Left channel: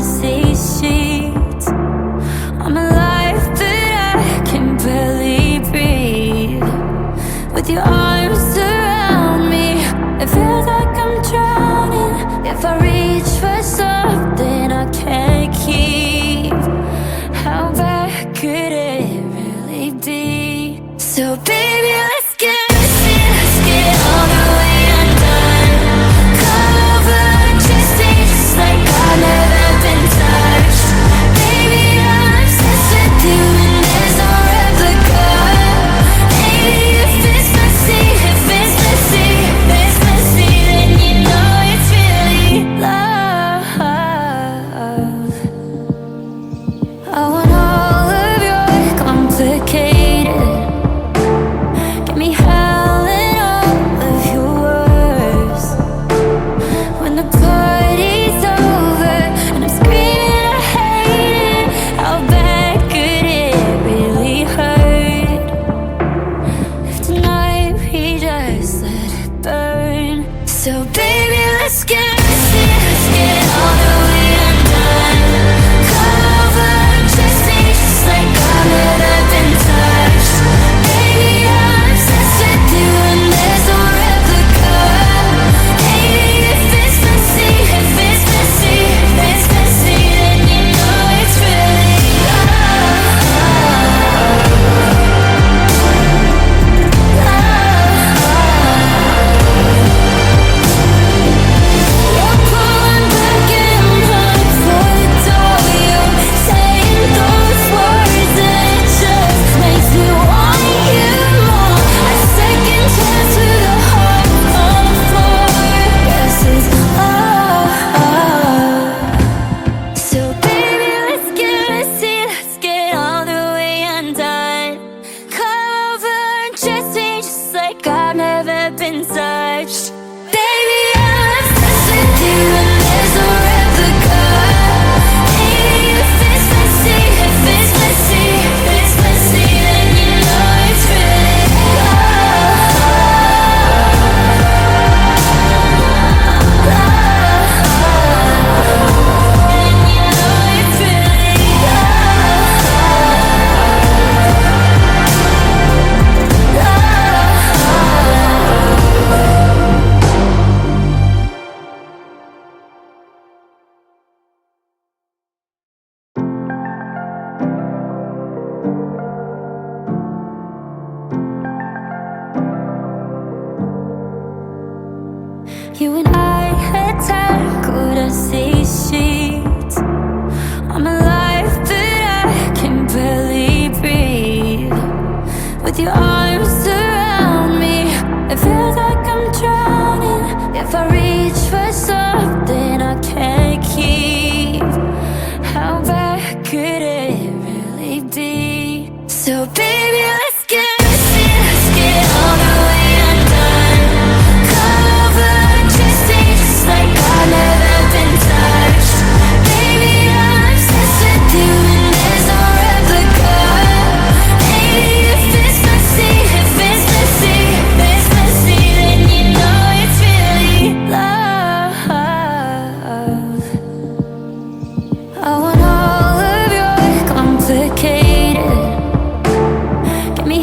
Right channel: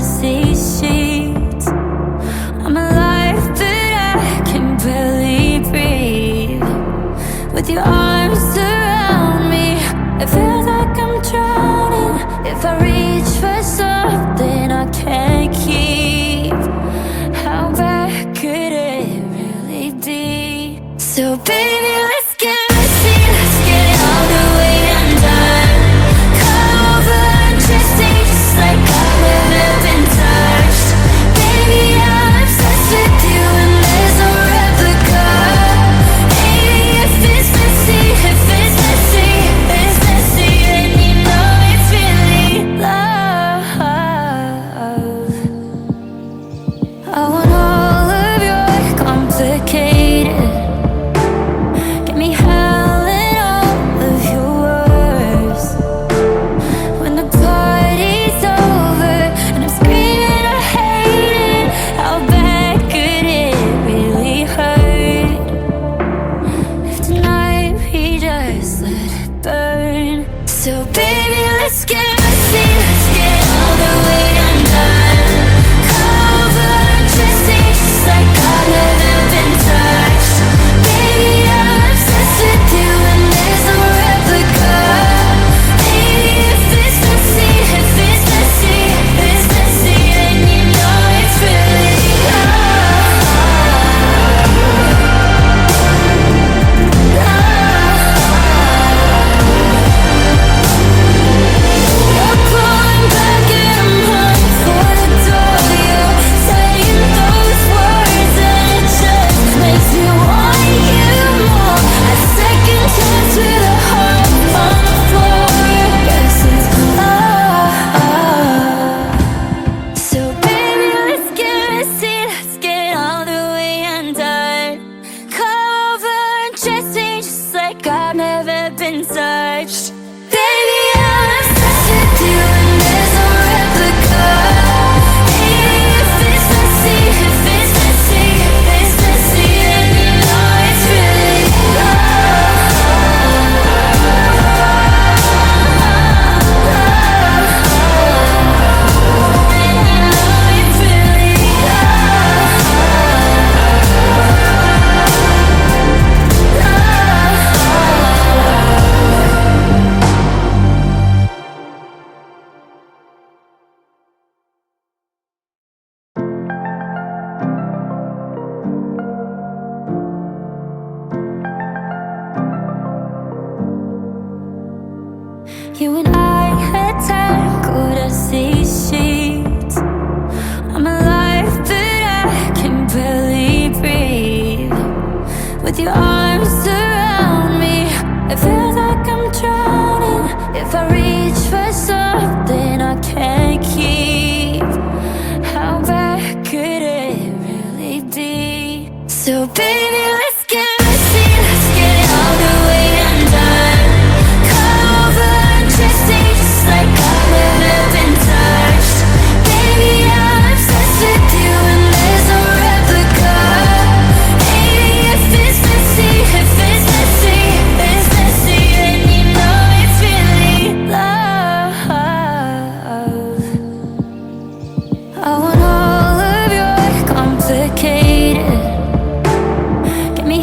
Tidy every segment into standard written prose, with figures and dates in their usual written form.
ROSÉ sheets. I'm alive, but I can barely breathe. With your arms around me, it feels like I'm drowning. If I reach for something I can't keep, how bad could it really be? So baby, let's get messy, let's get all the way undone. Cover and dressing just like I've never been touched. Baby, I'm obsessed with you and there's no replica. Baby, if it's messy, if it's messy, if it's messy, then you know it's really love. I want all of your complicated, get me howling all of your words. When the party's over and I'm screaming I hate it, how bad could it really hurt? If tonight we just let it burn. So baby, let's get messy, let's get all the way undone. Cover and dressing just like I've never been touched. Baby, I'm obsessed with you and there's no replica. Baby, if it's messy, if it's messy, if it's messy, then you know it's really love. You're pulling back and I'm running for the door. You're saying those words and it just makes me want you more. A second chance with a heart on the floor. Guess it's love. So baby, let's get messy, let's get all the way undone. Cover and dressing just like I've never been touched. Baby, I'm obsessed with you and there's no replica. Baby, if it's messy, if it's messy, if it's messy, then you know it's really love. And you know it's really love. You and I had tackled our sea sheets. I'm alive, but I can barely breathe. With your arms around me, it feels like I'm drowning. If I reach for something I can't keep, how bad could it really be? So baby, let's get messy, let's get all the way undone. Cover and dressing just like I've never been touched. Baby, I'm obsessed with you and there's no replica. Baby, if it's messy, if it's messy, if it's messy, then you know it's really love. I want all of your complicated, get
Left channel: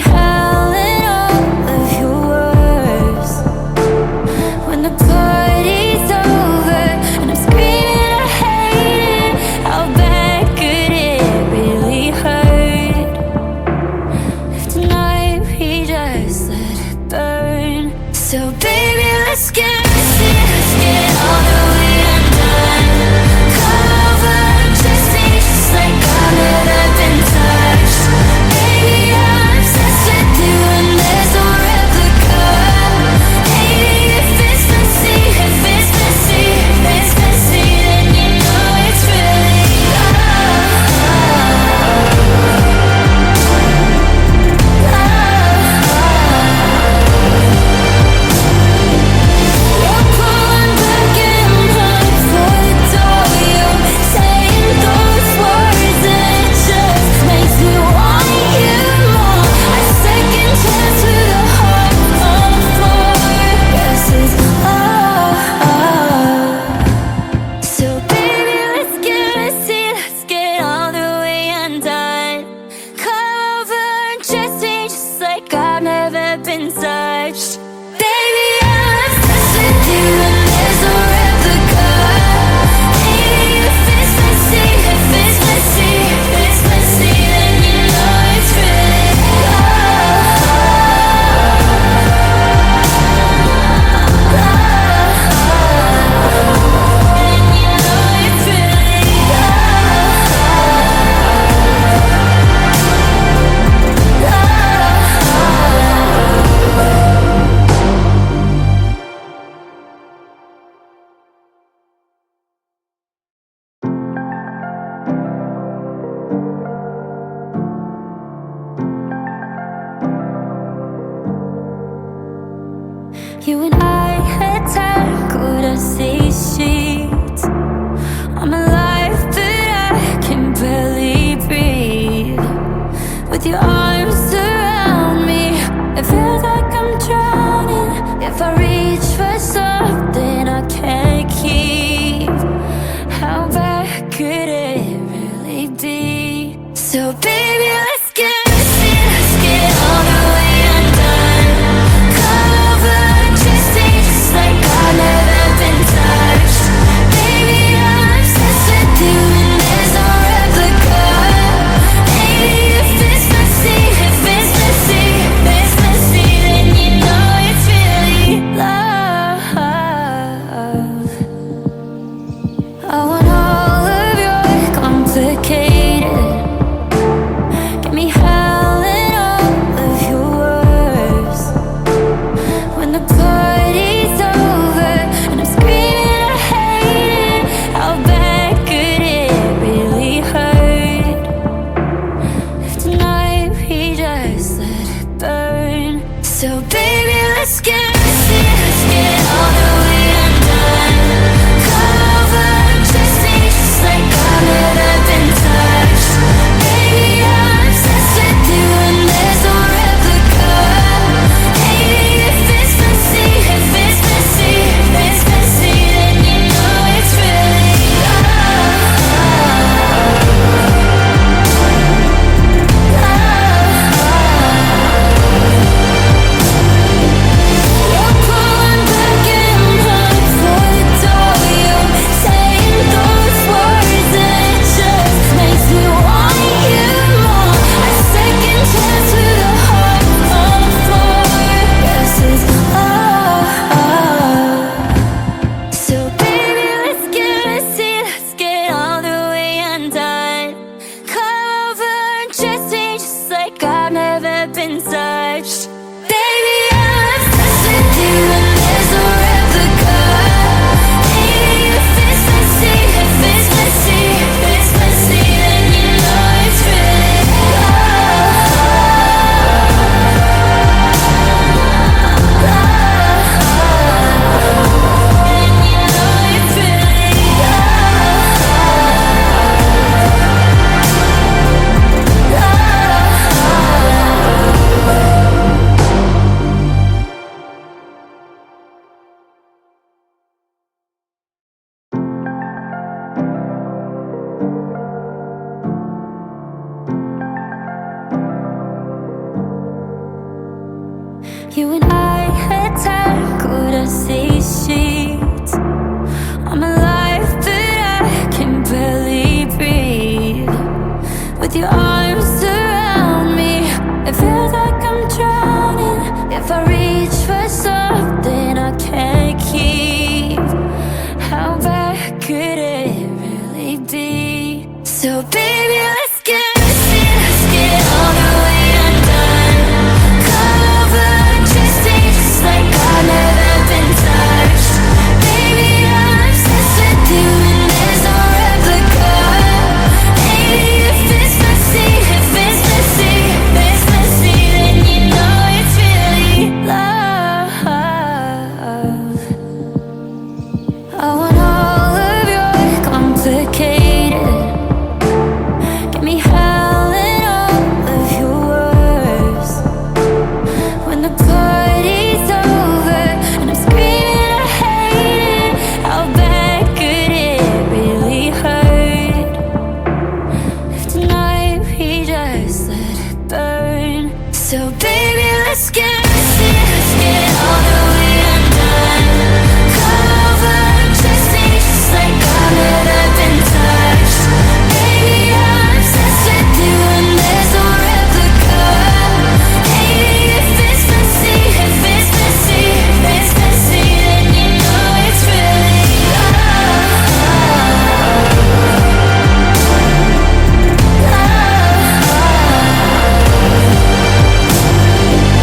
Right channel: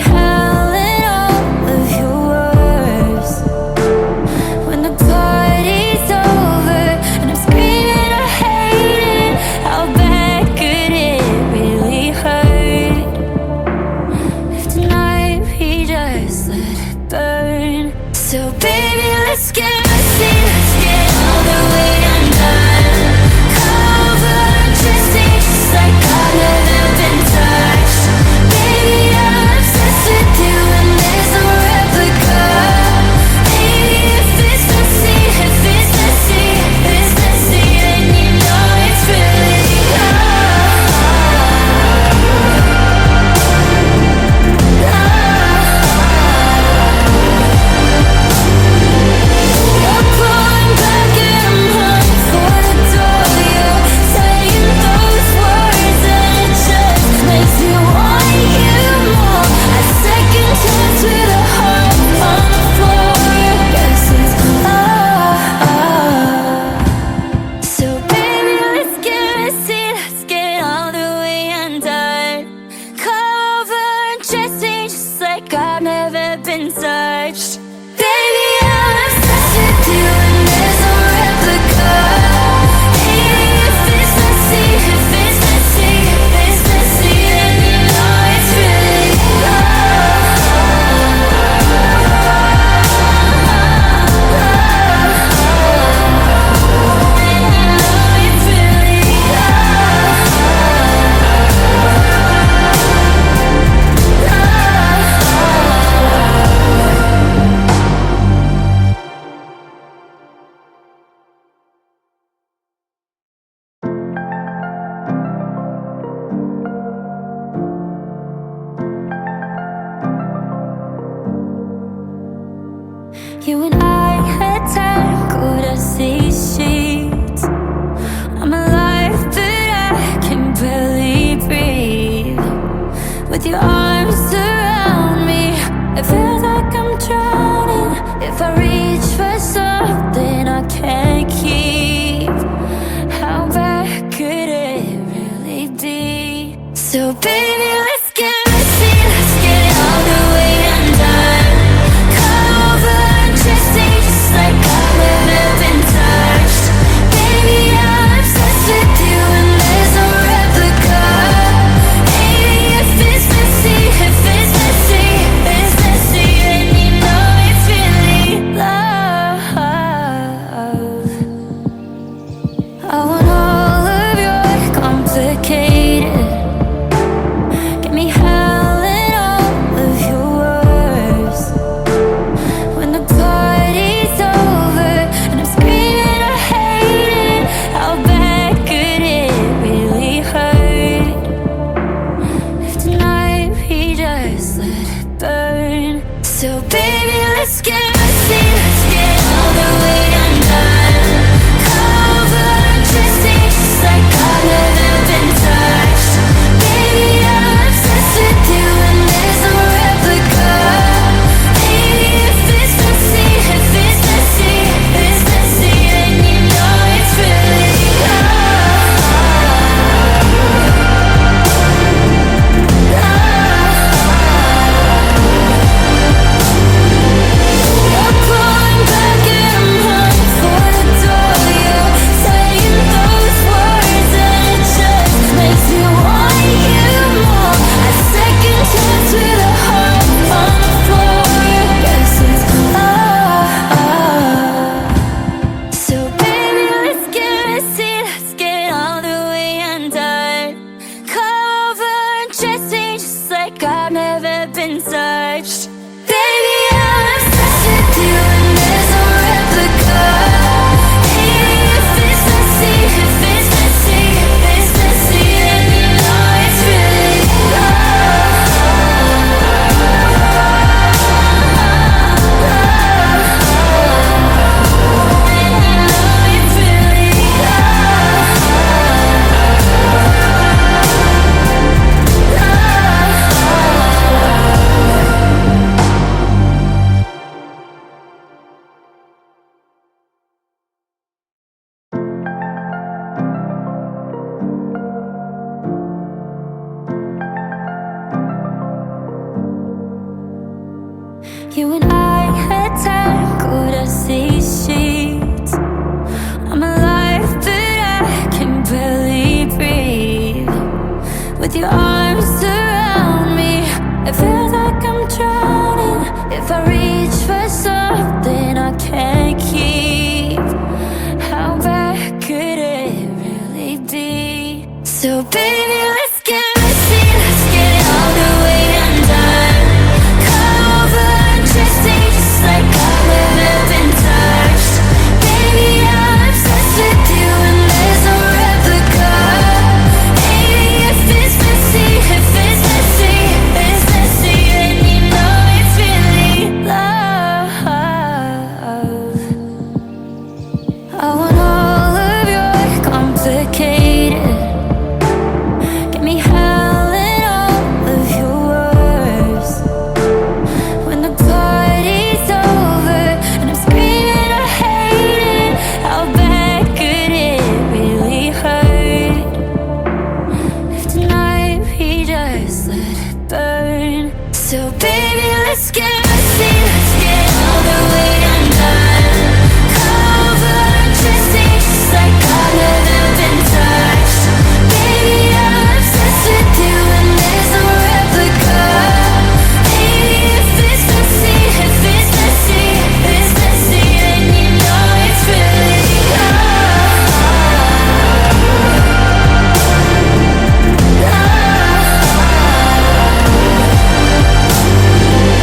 ROSÉ sheets. I'm alive, but I can barely breathe. With your arms around me, it feels like I'm drowning. If I reach for something I can't keep, how bad could it really be? So baby, let's get messy, let's get all the way undone. Cover and dressing just like I've never been touched. Baby, I'm obsessed with you and there's no replica. Maybe if it's messy, if it's messy, if it's messy, then you know it's really love. I want all of your complicated, get me howling all of your words. When the party's over and I'm screaming I hate it, how bad could it really hurt? If tonight we just let it burn. So baby, let's get messy, let's get all the way undone. Cover and dressing just like I've never been touched. Baby, I'm obsessed with you and there's no replica. Maybe if it's messy, if it's messy, if it's messy, then you know it's really love. You're pulling back and I'm running for the door. You're saying those words and it just makes me want you more. A second chance with a heart on the floor. Guess it's love. So baby, let's get messy, let's get all the way undone. Cover and dressing just like I've never been touched. Baby, I'm obsessed with you and there's no replica. Maybe if it's messy, if it's messy, if it's messy, then you know it's really love. Then you know it's really love. You and I had tackled ROSÉ sheets. I'm alive, but I can barely breathe. With your arms around me, it feels like I'm drowning. If I reach for something I can't keep, how bad could it really be? So baby, let's get messy, let's get all the way undone. Cover and dressing just like I've never been touched. Baby, I'm obsessed with you and there's no replica. Maybe if it's messy, if it's messy, if it's messy, then you know it's really love. I want all of your complicated, get me howling all of your words. When the party's over and I'm screaming I hate it, how bad could it really hurt? If tonight we just let it burn. So baby, let's get messy, let's get all the way undone. Cover and dressing just like I've never been touched. Baby, I'm obsessed with you and there's no replica. Maybe if it's messy, if it's messy, if it's messy, then you know it's really love. Love.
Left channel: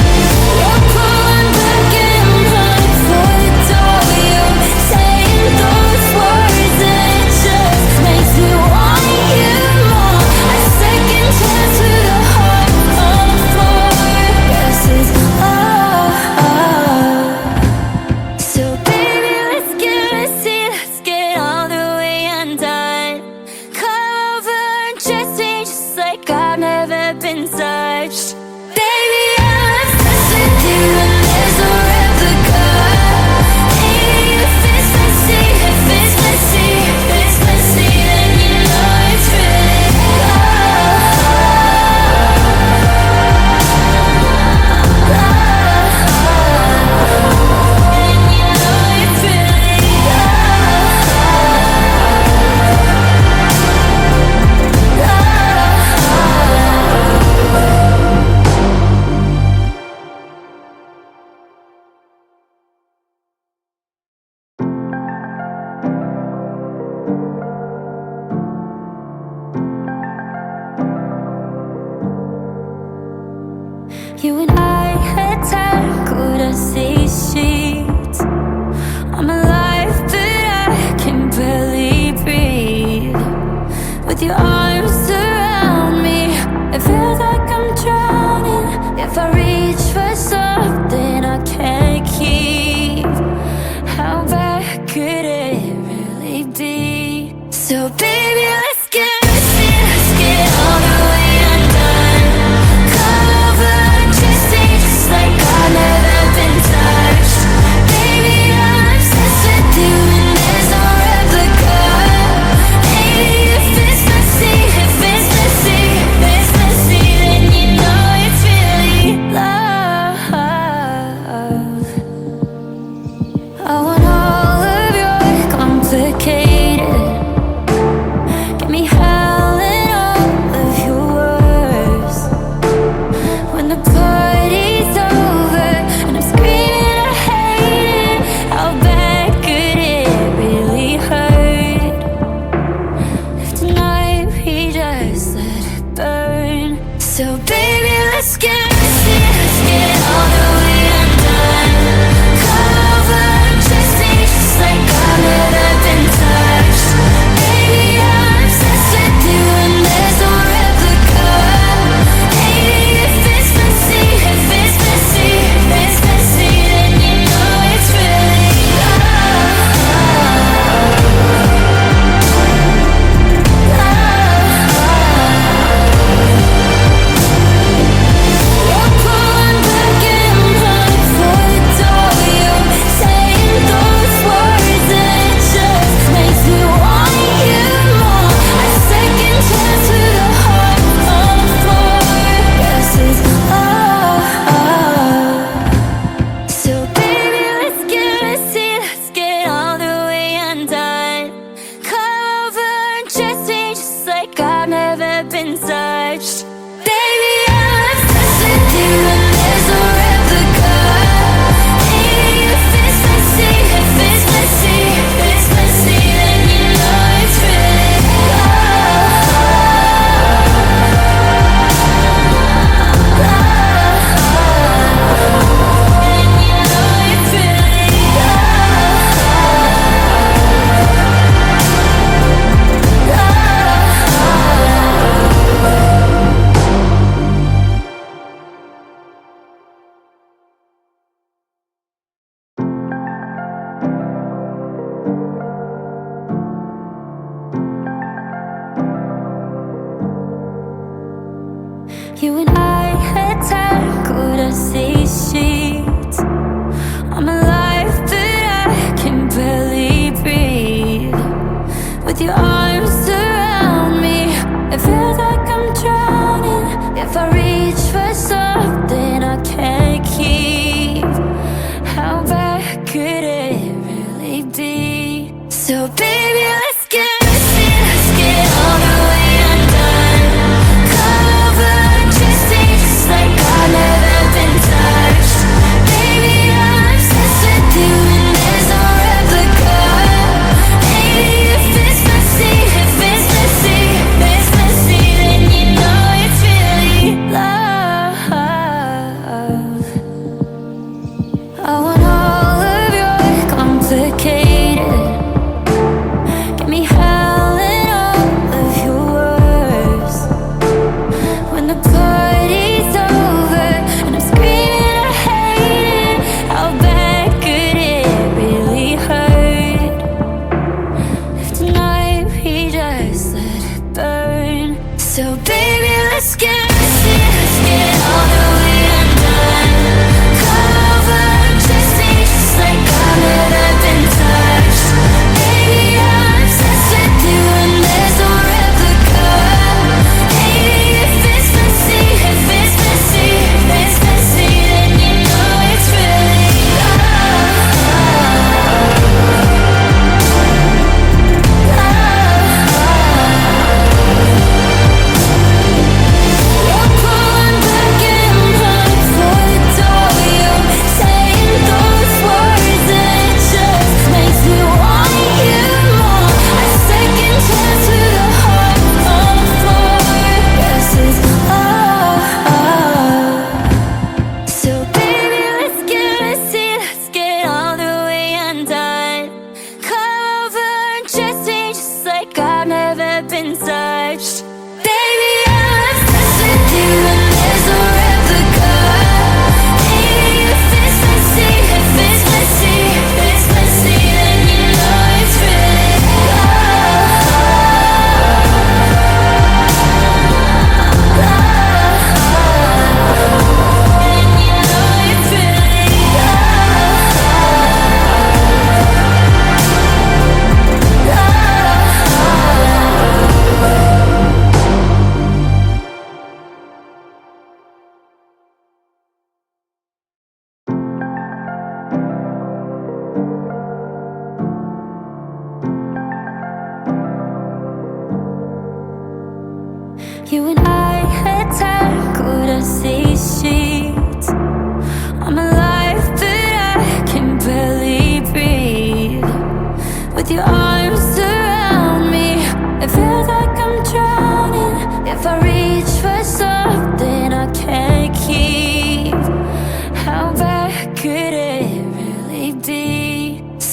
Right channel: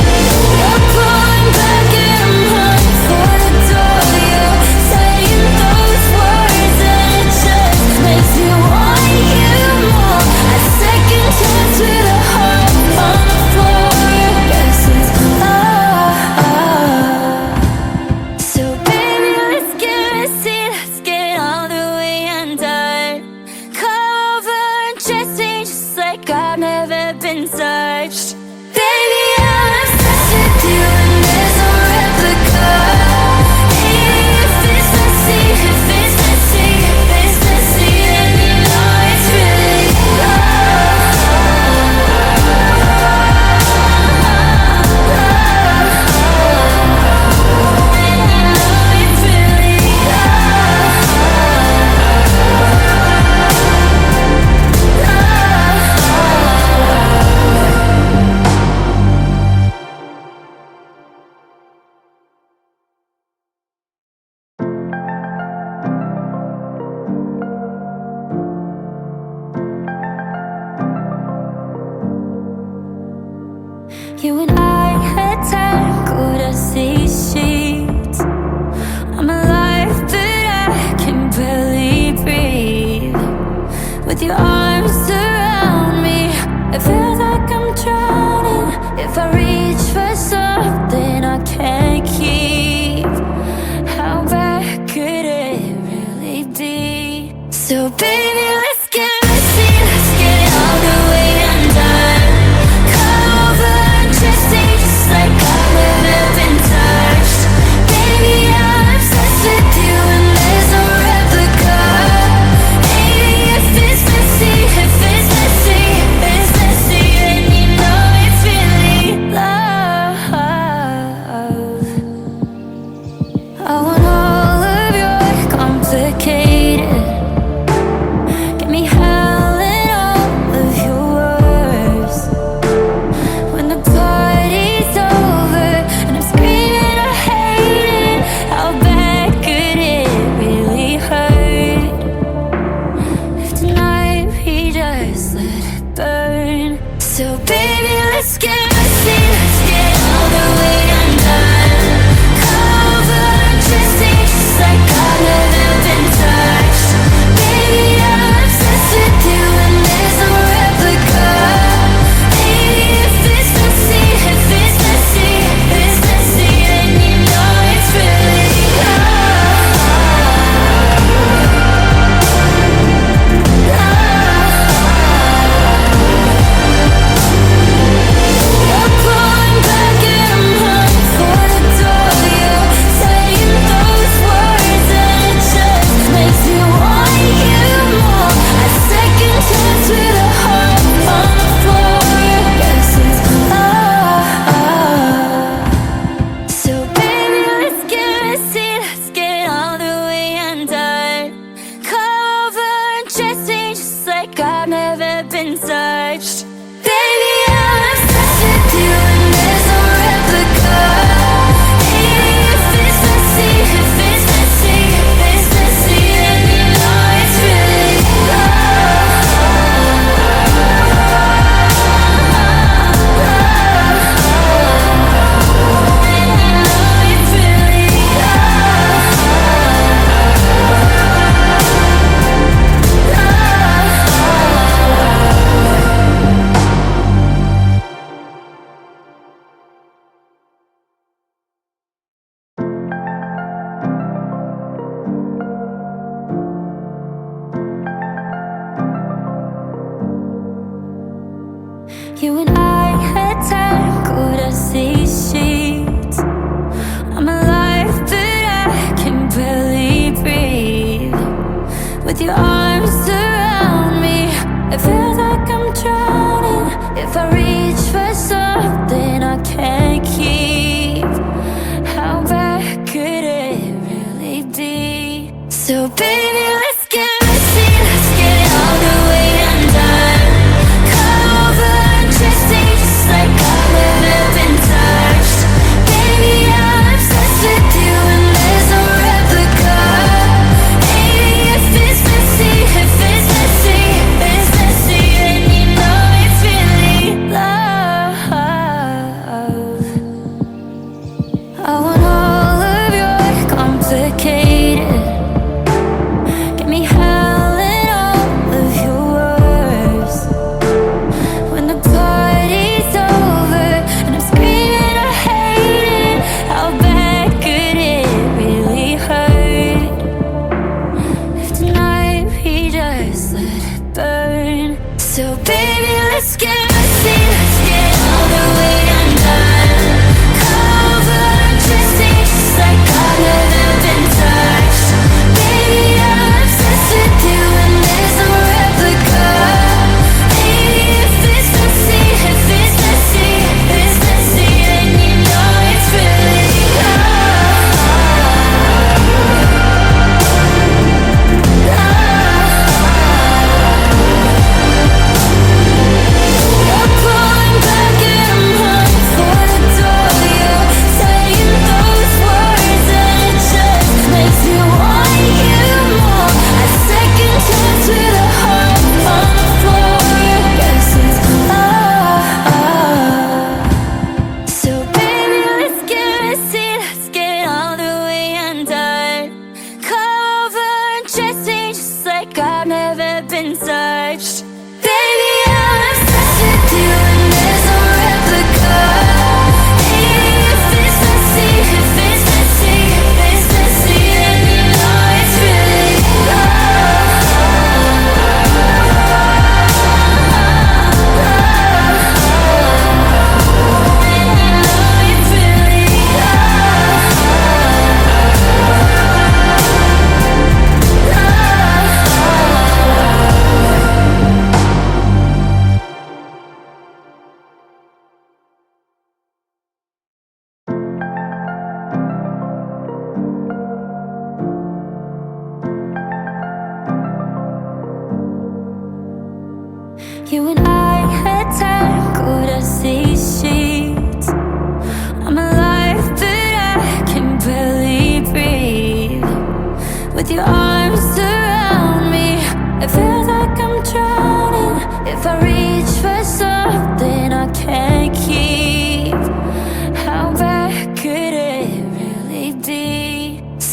like I've never been touched. Baby, I'm obsessed with you and there's no replica. Hey, if it's messy, if it's messy, if it's messy, then you know it's really love. And you know it's really love. You and I had tackled a sea sheet. I'm alive, but I can barely breathe. With your arms around me, it feels like I'm drowning. If I reach for something I can't keep, how bad could it really be? So baby, let's get messy, let's get all the way undone. Cover undressing just like I've never been touched. Baby, I'm obsessed with you and there's no replica. Hey, if it's messy, if it's messy, if it's messy, then you know it's really love. I want all of your complicated. Get me howling all of your words. When the party's over and I'm screaming I hate it, how bad could it really hurt? If tonight we just let it burn. So baby, let's get messy, let's get all the way undone. Cover undressing just like I've never been touched. Baby, I'm obsessed with you and there's no replica. Hey, if it's messy, if it's messy, if it's messy, then you know it's really love. You're pulling back and I'm running for the door. You're saying those words and it just makes me want you more. A second chance with a heart on the floor. Guess it's love. So baby, let's get messy, let's get all the way undone. Cover undressing just like I've never been touched. Baby, I'm obsessed with you and there's no replica. Hey, if it's messy, if it's messy, if it's messy, then you know it's really love. And you know it's really love. You and I had tackled a sea sheet. I'm alive, but I can barely breathe. With your arms around me, it feels like I'm drowning. If I reach for something I can't keep, how bad could it really be? So baby, let's get messy, let's get all the way undone. Cover undressing just like I've never been touched. Baby, I'm obsessed with you and there's no replica. Hey, if it's messy, if it's messy, if it's messy, then you know it's really love. I want all of your complicated. Get me howling all of your words. When the party's over and I'm screaming I hate it, how bad could it really hurt? If tonight we just let it burn. So baby,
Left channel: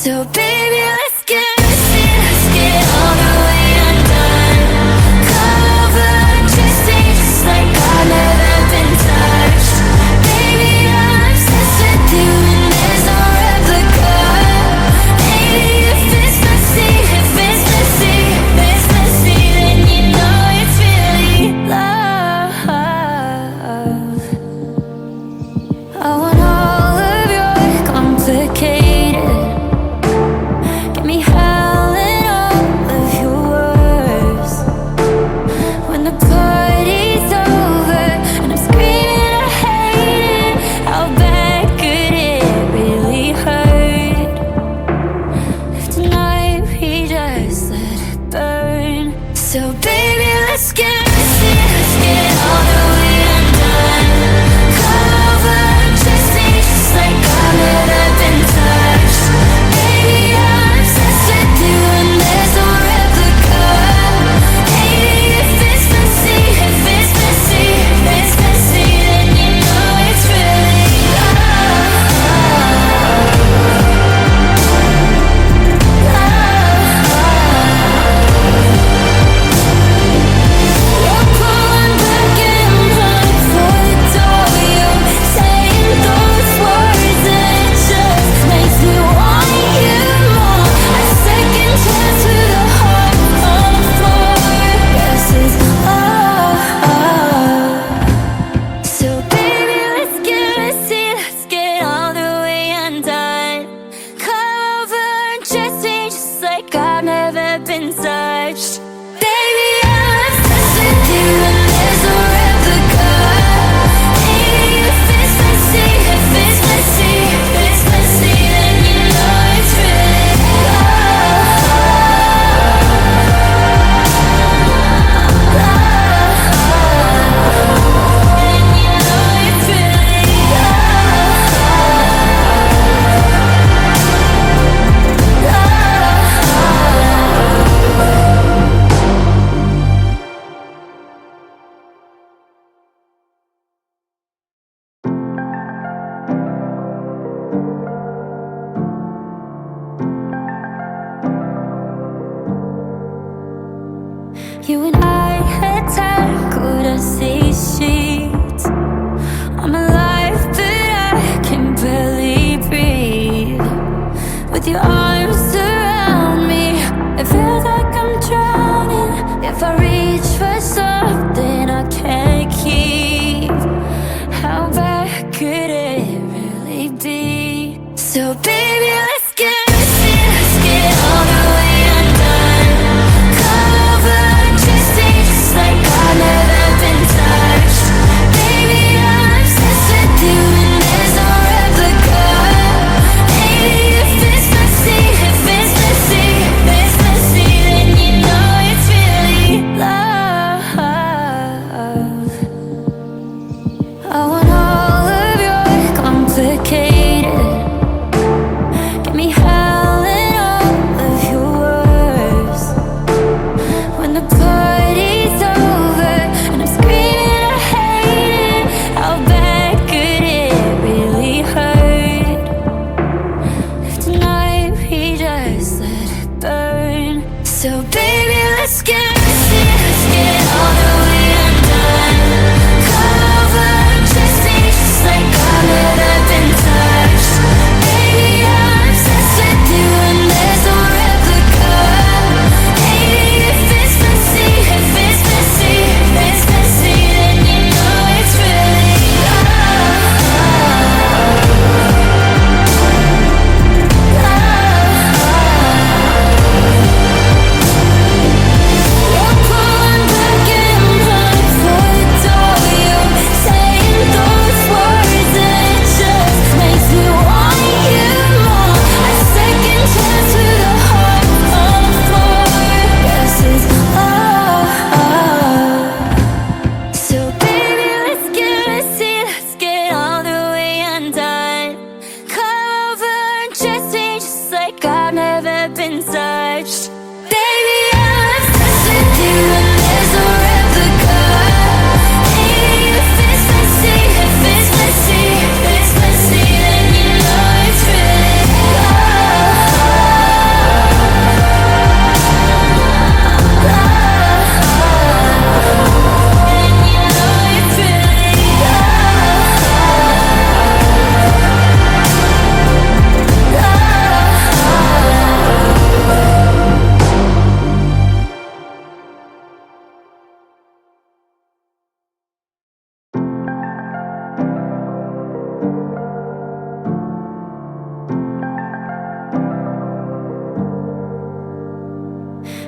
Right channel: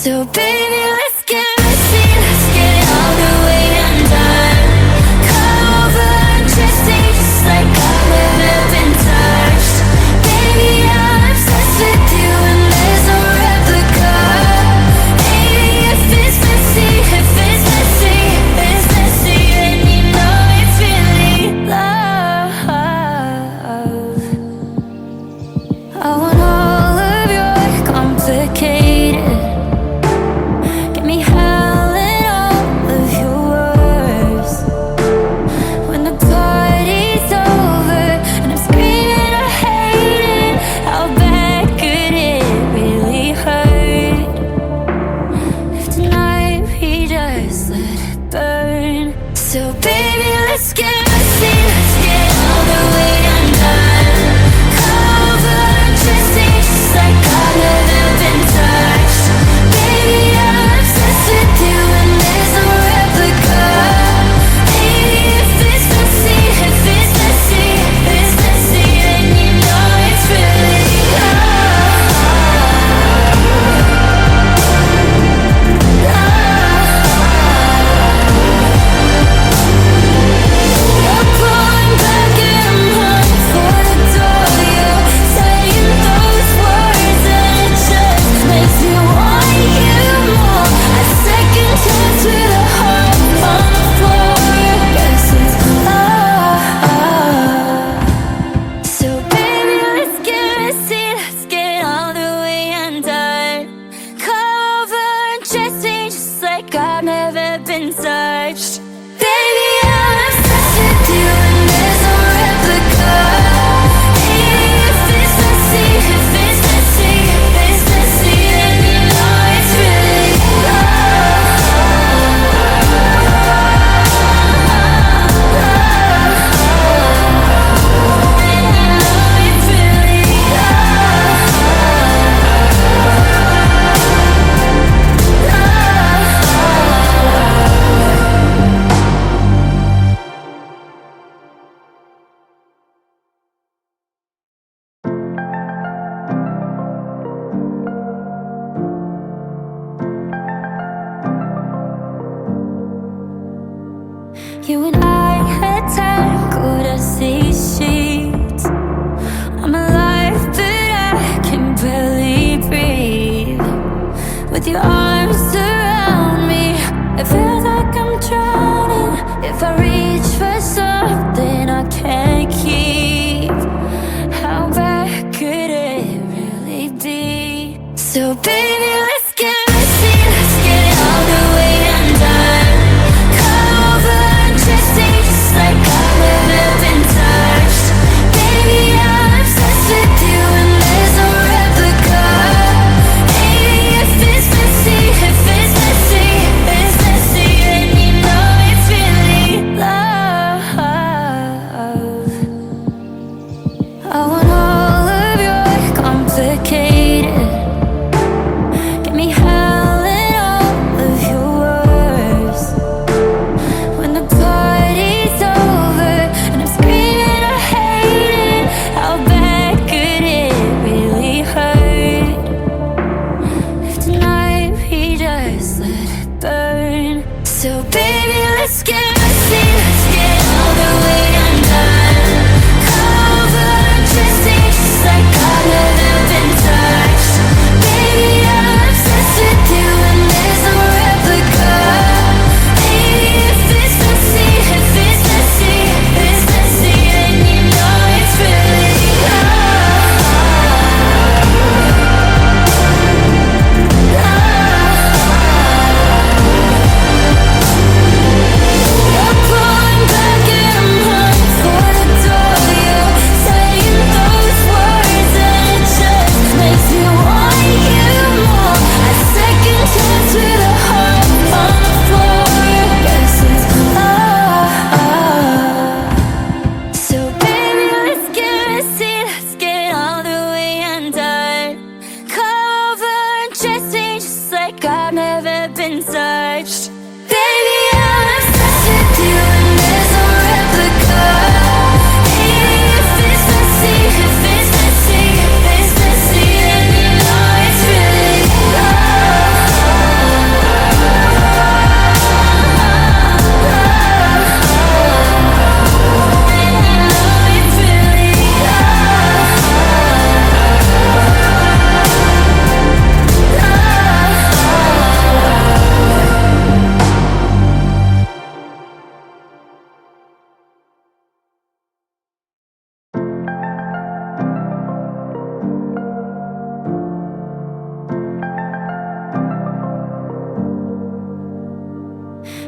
So baby, let's get messy, let's get all the way undone. Come over and dress me just like I've never been touched. Baby, I'm obsessed with you and there's no replica. Hey, if it's messy, if it's messy, if it's messy, then you know it's really love. I want all of your complicated, get me howling all of your words. When the party's over and I'm screaming I hate it, how bad could it really hurt? If tonight we just let it burn. So baby, let's get messy, let's get all the way undone. Come over and dress me just like I've never been touched. Baby, I'm obsessed with you and there's no replica. Hey, if it's messy, if it's messy, if it's messy, then you know it's really love. You're pulling back and I'm running for the door. You're saying those words and it just makes me want you more. A second chance with a heart on the floor. Yes, it's love. So baby, let's get messy, let's get all the way undone. Come over and dress me just like I've never been touched. Baby, I'm obsessed with you and there's no replica. Hey, if it's messy, if it's messy, if it's messy, then you know it's really love. Then you know it's really love. You and I had tackled a sea sheet. I'm alive, but I can barely breathe. With your arms around me, it feels like I'm drowning. If I reach for something I can't keep, how bad could it really be? So baby, let's get messy, let's get all the way undone. Come over and dress me just like I've never been touched. Baby, I'm obsessed with you and there's no replica. Hey, if it's messy, if it's messy, if it's messy, then you know it's really love. I want all of your complicated, get me howling all of your words. When the party's over and I'm screaming I hate it, how bad could it really hurt? If tonight we just let it burn. So baby, let's get messy, let's get all the way undone. Come over and dress me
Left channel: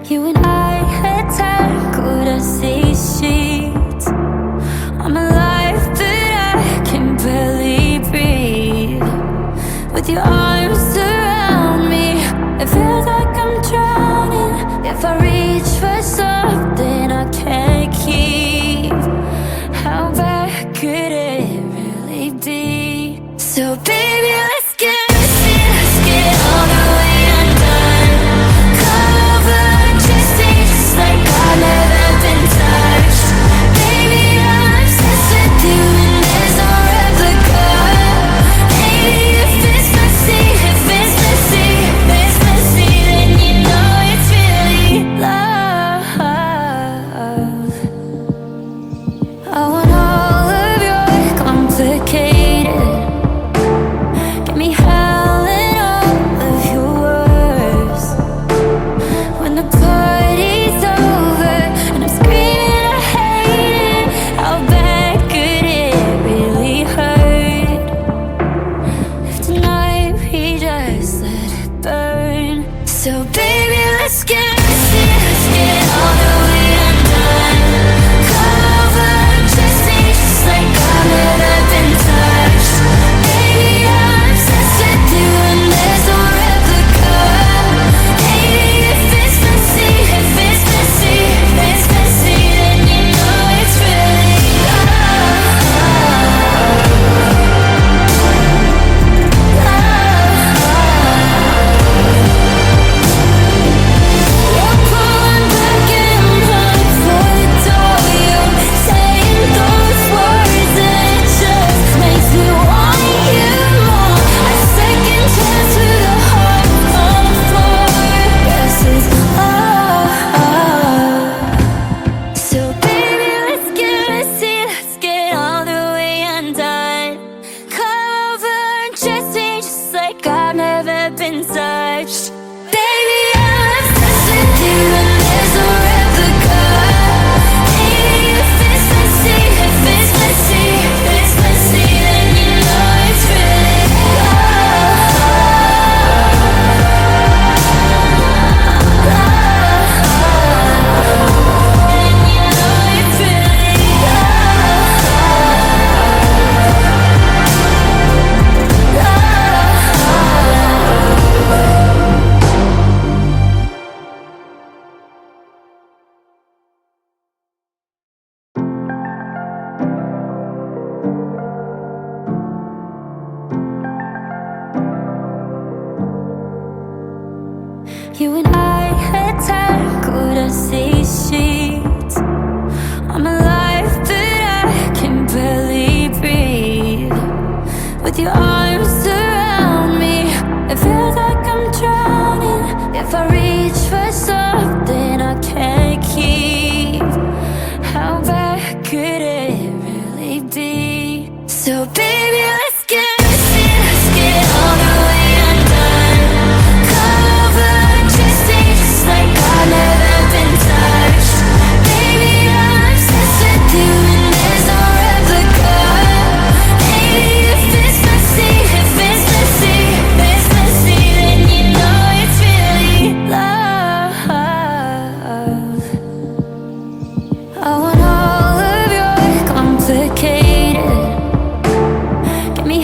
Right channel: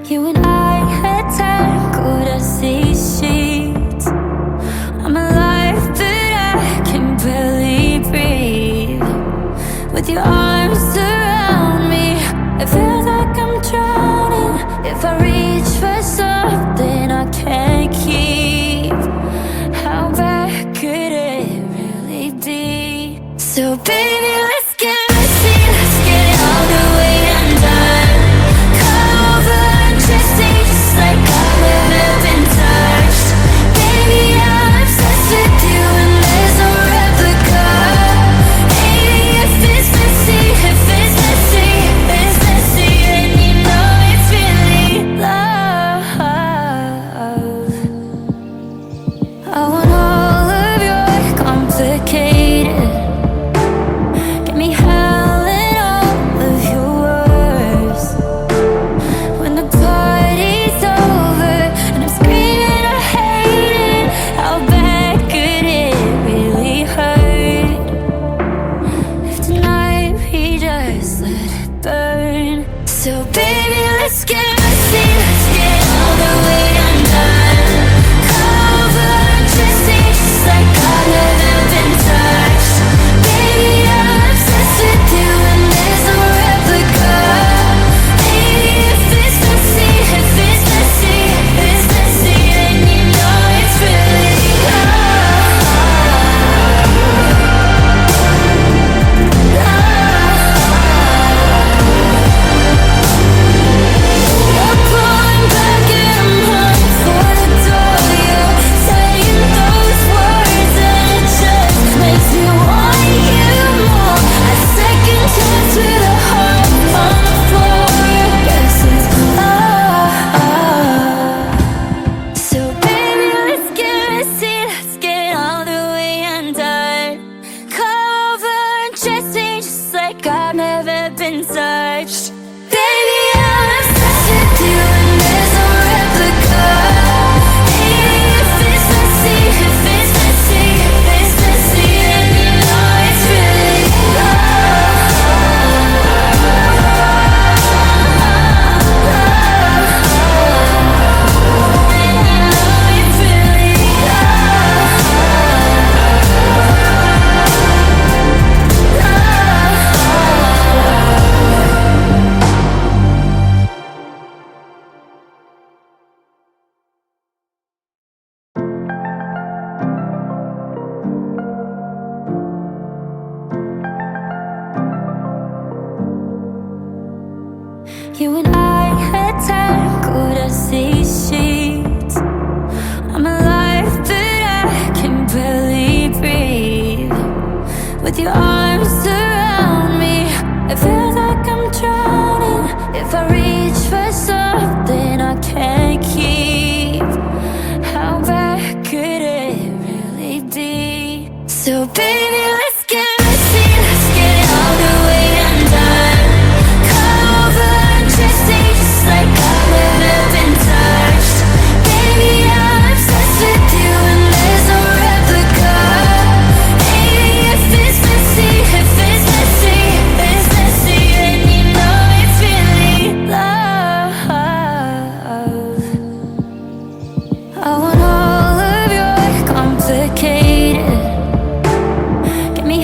You and I had tackled ROSÉ sheets. I'm alive, but I can barely breathe. With your arms around me, it feels like I'm drowning. If I reach for something I can't keep, how bad could it really be? So baby, let's get messy, let's get all the way undone. Cover and dressing just like I've never been touched. Baby, I'm obsessed with you and there's no replica. Baby, if it's messy, if it's messy, if it's messy, then you know it's really love. I want all of your complicated, get me howling all of your words. When the party's over and I'm screaming I hate it, how bad could it really hurt? If tonight we just let it burn. So baby, let's get messy, let's get all the way undone. Cover and dressing just like I've never been touched. Baby, I'm obsessed with you and there's no replica. Baby, if it's messy, if it's messy, if it's messy, then you know it's really love. You're pulling back and I'm running for the door. You're saying those words and it just makes me want you more. A second chance with a heart on the floor. Yes, it's love. So baby, let's get messy, let's get all the way undone. Cover and dressing just like I've never been touched. Baby, I'm obsessed with you and there's no replica. Baby, if it's messy, if it's messy, if it's messy, then you know it's really love. Then you know it's really love. You and I had tackled ROSÉ sheets. I'm alive, but I can barely breathe. With your arms around me, it feels like I'm drowning. If I reach for something I can't keep, how bad could it really be? So baby, let's get messy, let's get all the way undone. Cover and dressing just like I've never been touched. Baby, I'm obsessed with you and there's no replica. Baby, if it's messy, if it's messy, if it's messy, then you know it's really love. I want all of your complicated, get me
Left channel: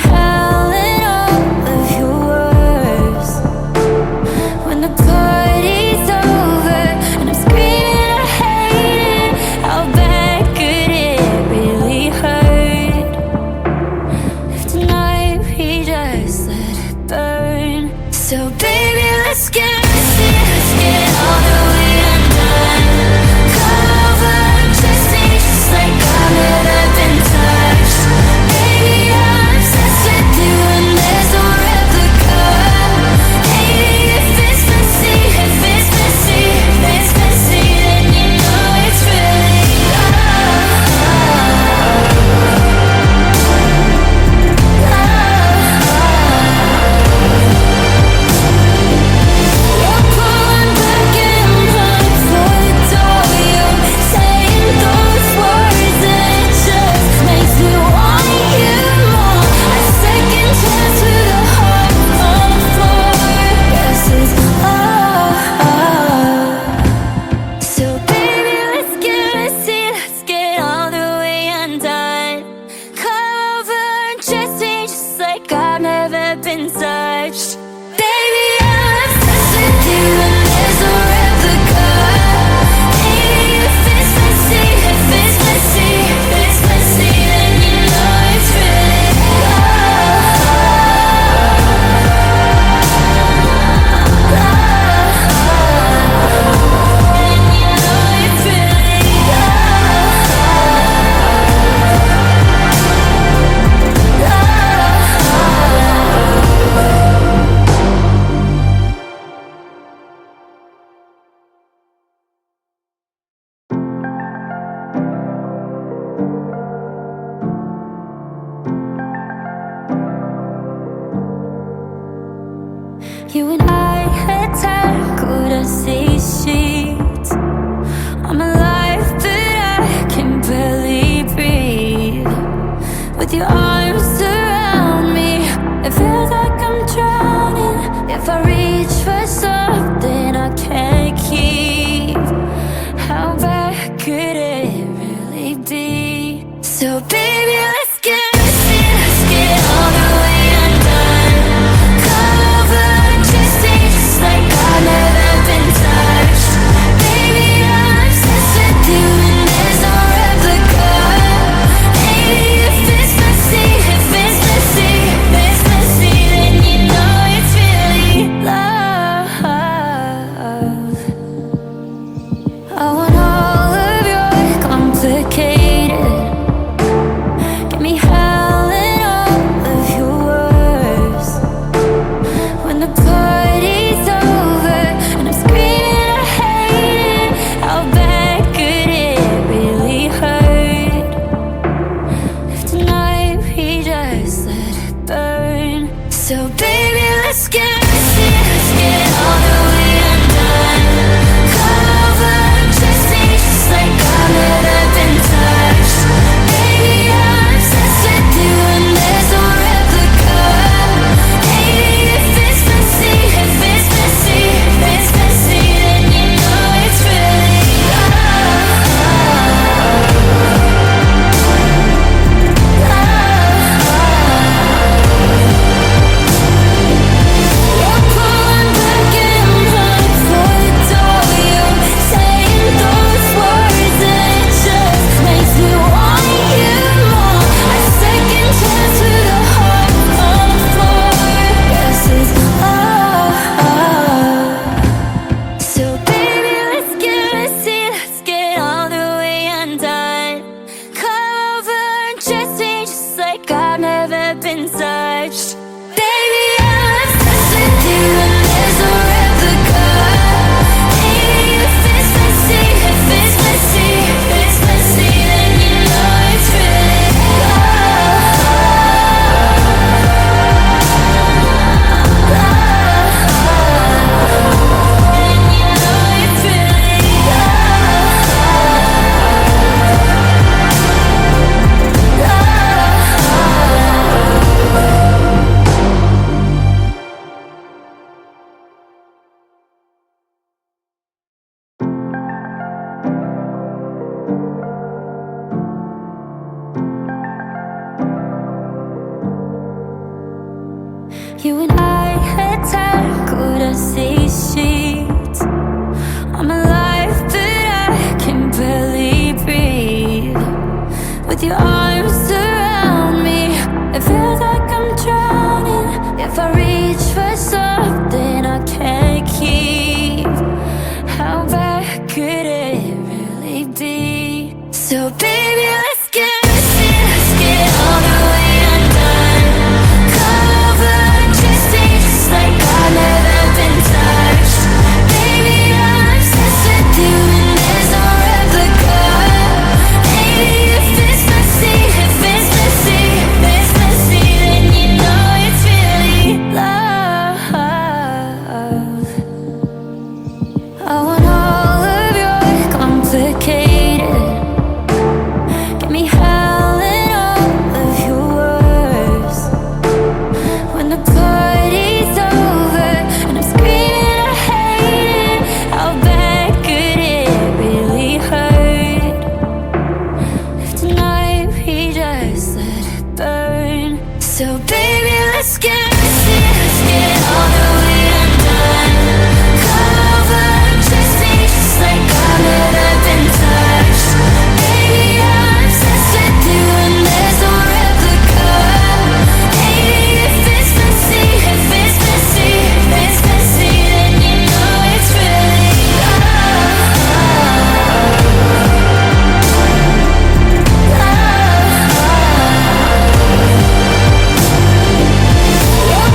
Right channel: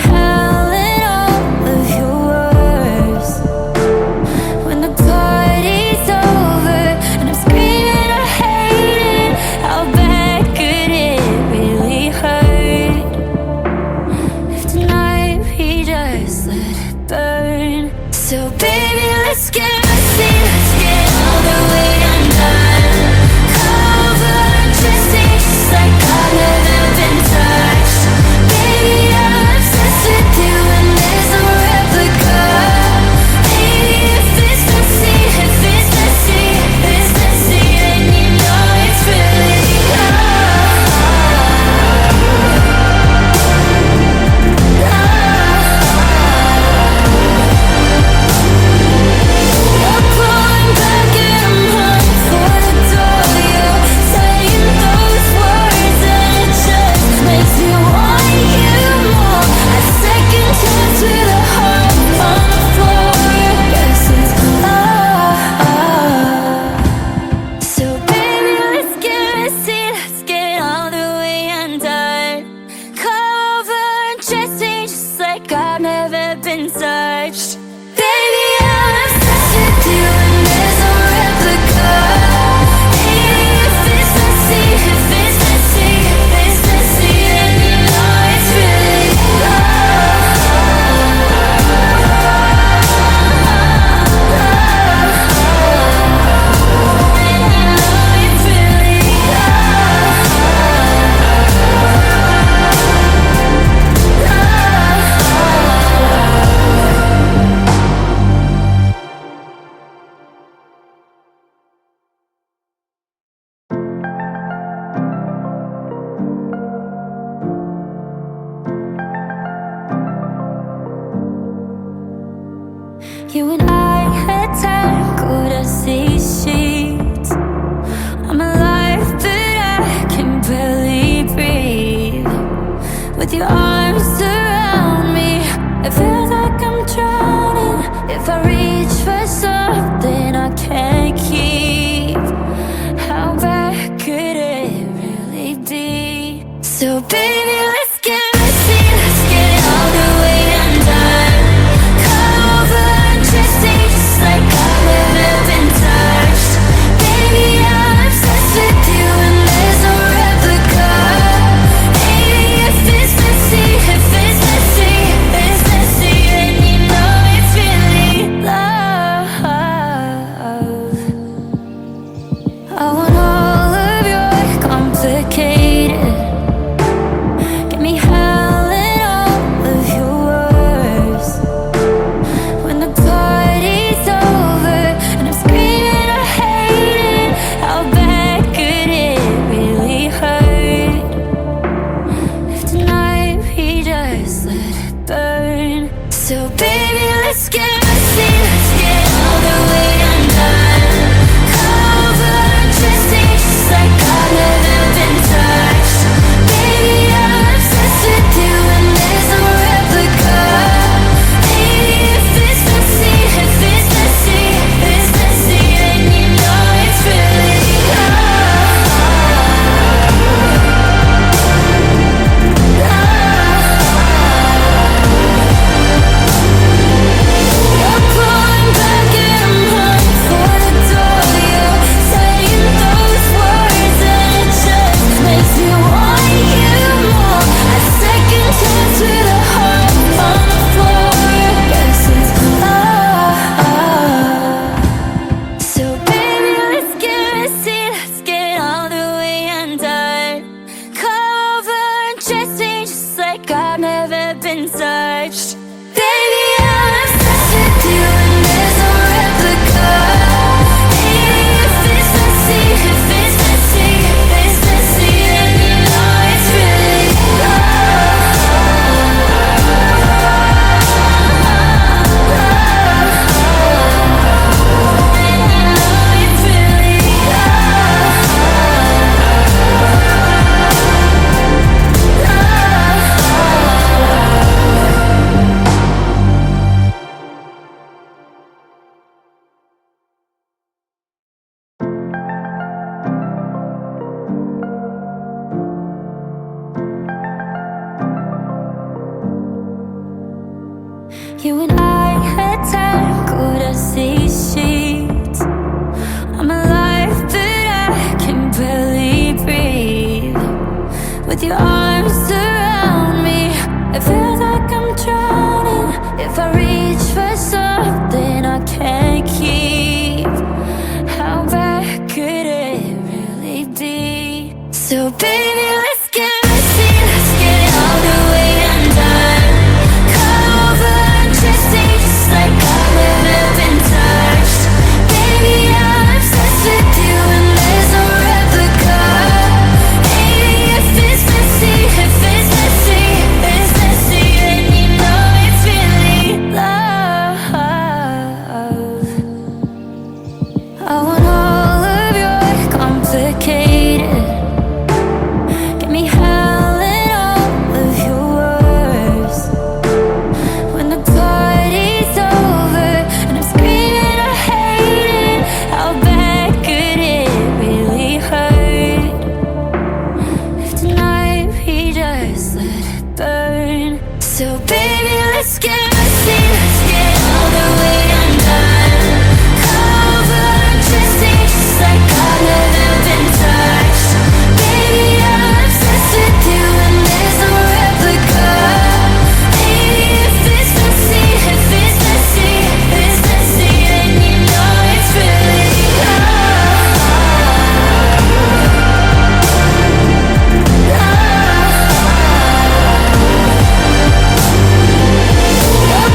You and I had tackled these sheets. I'm alive, but I can barely breathe. With your arms around me, it feels like I'm drowning. If I reach for something I can't keep, how bad could it really be? So baby, let's get messy, let's get all the way undone. Cover and dressing just like I've never been touched. Baby, I'm obsessed with you and there's no replica. Hey, if it's messy, if it's messy, if it's messy, then you know it's really love. I want all of your complicated, get me howling all of your words. When the party's over and I'm screaming I hate it, how bad could it really hurt? If tonight we just let it burn. So baby, let's get messy, let's get all the way undone. Cover and dressing just like I've never been touched. Baby, I'm obsessed with you and there's no replica. Hey, if it's messy, if it's messy, if it's messy, then you know it's really love. You're pulling back and I'm running for the door. You're saying those words and it just makes me want you more. A second chance with a heart on the floor. Yes, it's love. So baby, let's get messy, let's get all the way undone. Cover and dressing just like I've never been touched. Baby, I'm obsessed with you and there's no replica. Hey, if it's messy, if it's messy, if it's messy, then you know it's really love. And you know it's really love. You and I had tackled these sheets. I'm alive, but I can barely breathe. With your arms around me, it feels like I'm drowning. If I reach for something I can't keep, how bad could it really be? So baby, let's get messy, let's get all the way undone. Cover and dressing just like I've never been touched. Baby, I'm obsessed with you and there's no replica. Hey, if it's messy, if it's messy, if it's messy, then you know it's really love. I want all of your complicated, get me howling all of your words. When the party's over and I'm screaming I hate it, how bad could it really hurt? If tonight we just let it burn. So baby, let's get messy, let's get all the way undone. Cover and dressing just like I've never been touched. Baby, I'm obsessed with you and there's no replica. Hey, if it's messy, if it's messy, if it's messy, then you know it's really love. Love.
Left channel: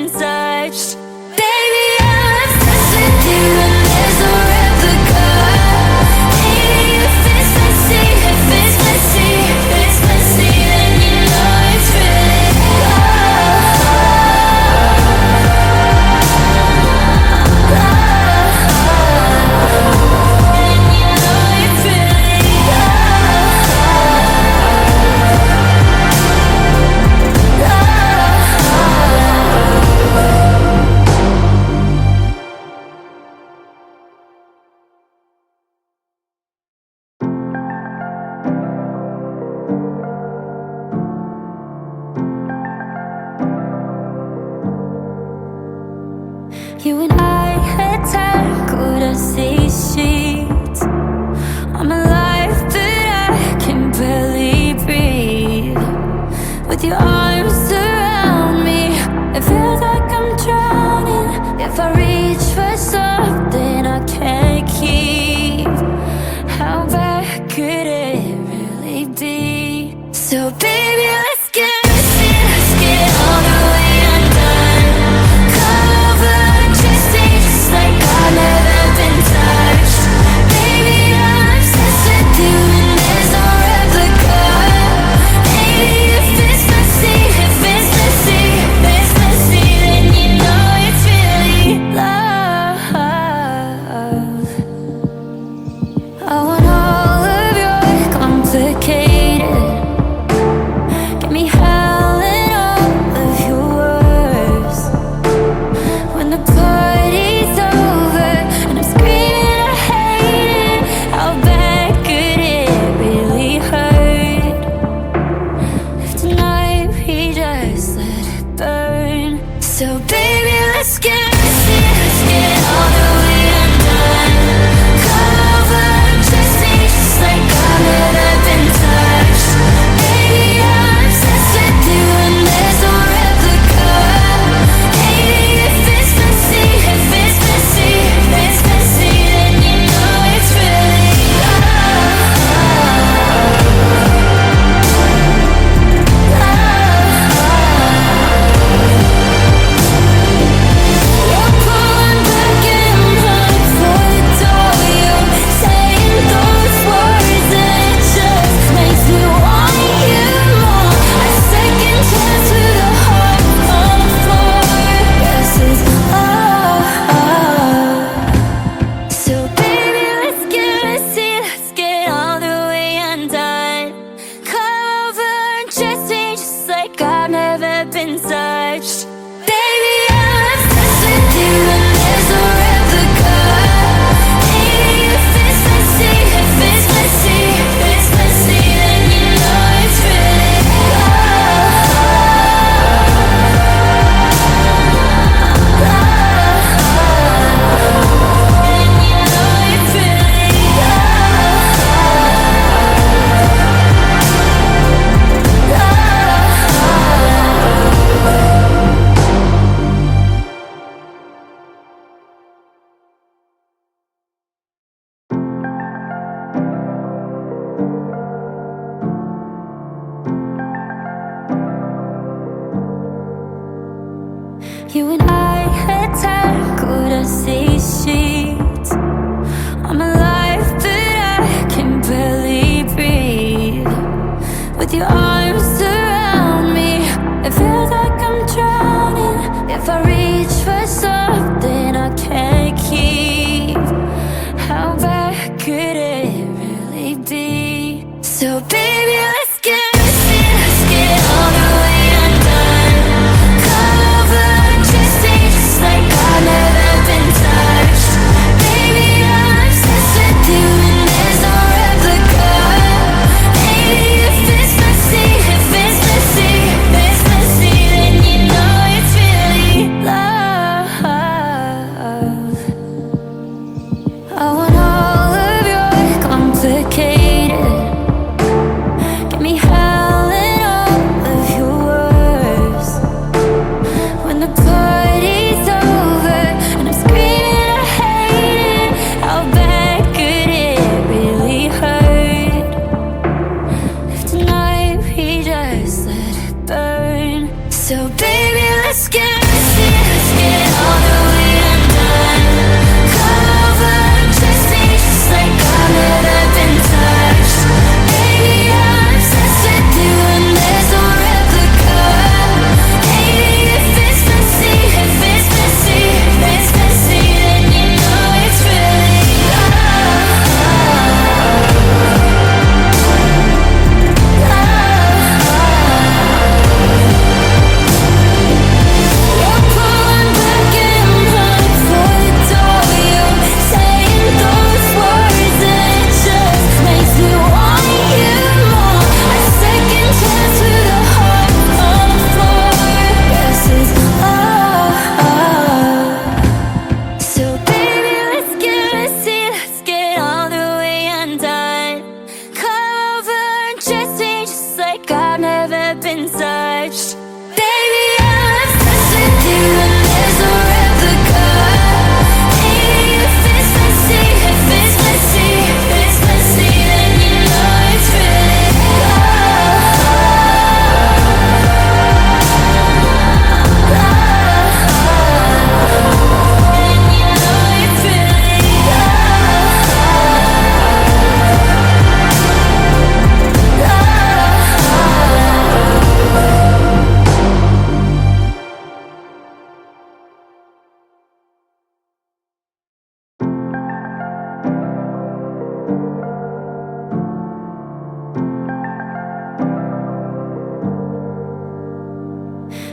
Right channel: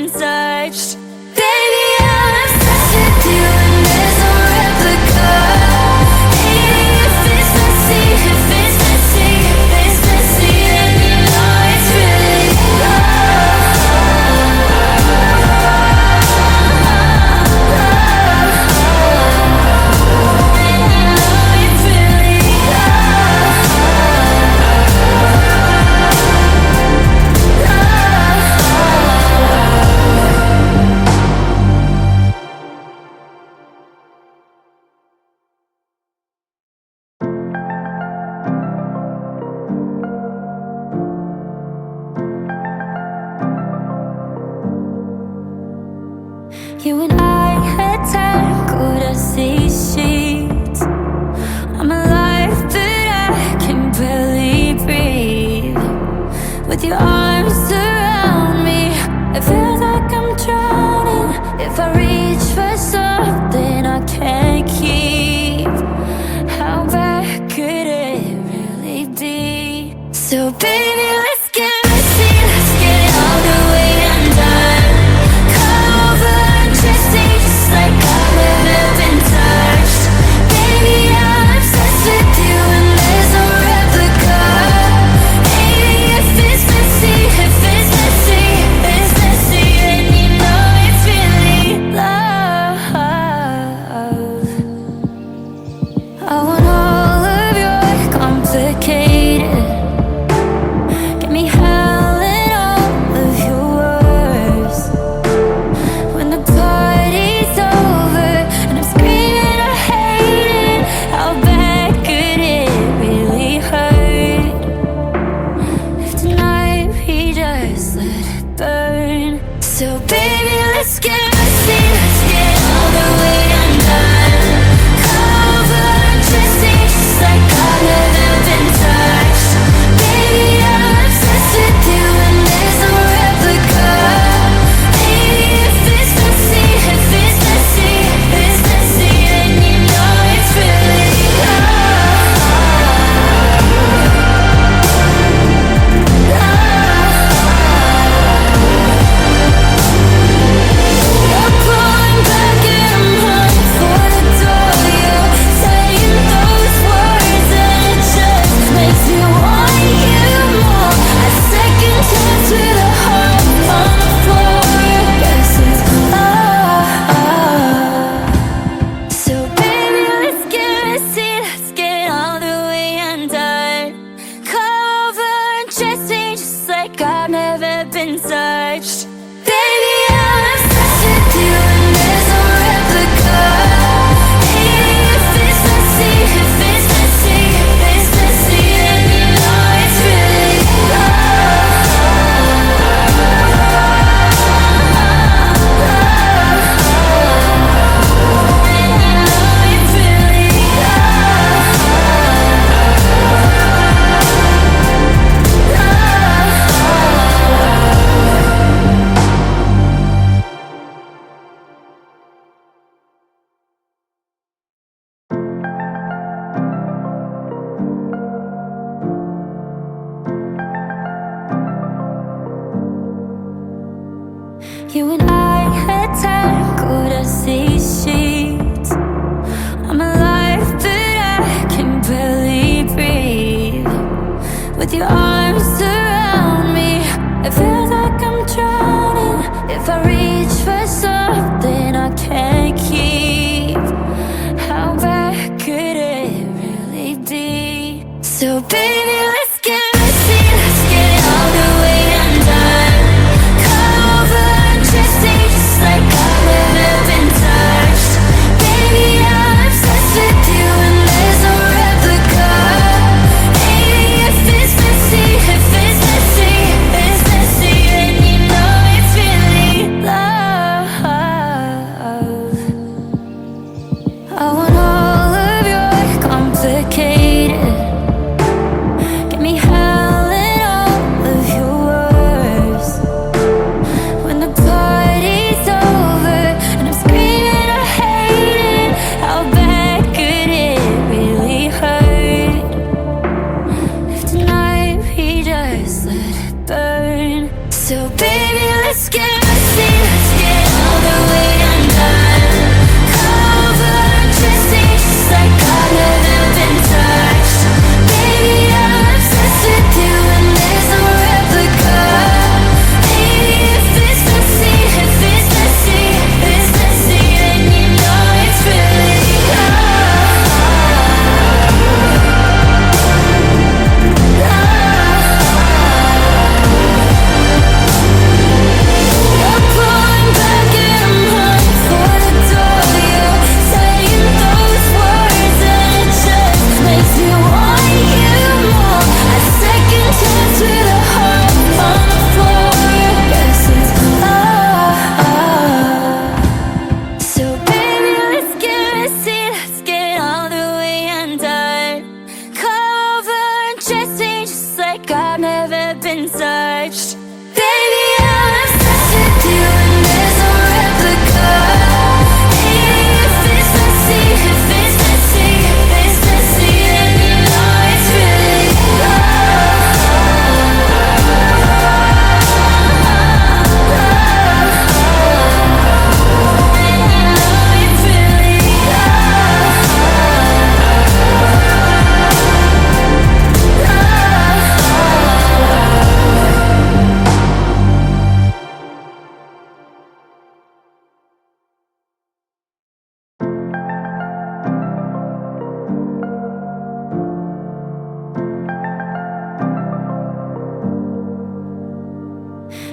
been touched. Baby, I'm obsessed with you and there's no replica. Hey, if it's messy, if it's messy, if it's messy, then you know it's really love. And you know it's really love. You and I had tackled a sea sheet. I'm alive, but I can barely breathe. With your arms around me, it feels like I'm drowning. If I reach for something I can't keep, how bad could it really be? So baby, let's get messy, let's get all the way undone. Cover and dressing just like I've never been touched. Baby, I'm obsessed with you and there's no replica. Hey, if it's messy, if it's messy, if it's messy, then you know it's really love. I want all of your complicated. Get me howling all of your words. When the party's over and I'm screaming I hate it, how bad could it really hurt? If tonight we just let it burn. So baby, let's get messy, let's get all the way undone. Cover and dressing just like I've never been touched. Baby, I'm obsessed with you and there's no replica. Hey, if it's messy, if it's messy, if it's messy, then you know it's really love. You're pulling back and I'm running for the door. You're saying those words and it just makes me want you more. A second chance with a heart on the floor. Yes, it's love. So baby, let's get messy, let's get all the way undone. Come over and dress me just like I've never been touched. Baby, I'm obsessed with you and there's no replica. Hey, if it's messy, if it's messy, if it's messy, then you know it's really love. And you know it's really love. You and I had tackled a sea sheet. I'm alive, but I can barely breathe. With your arms around me, it feels like I'm drowning. If I reach for something I can't keep, how bad could it really be? So baby, let's get messy, let's get all the way undone. Cover and dressing just like I've never been touched. Baby, I'm obsessed with you and there's no replica. Hey, if it's messy, if it's messy, if it's messy, then you know it's really love. I want all of your complicated.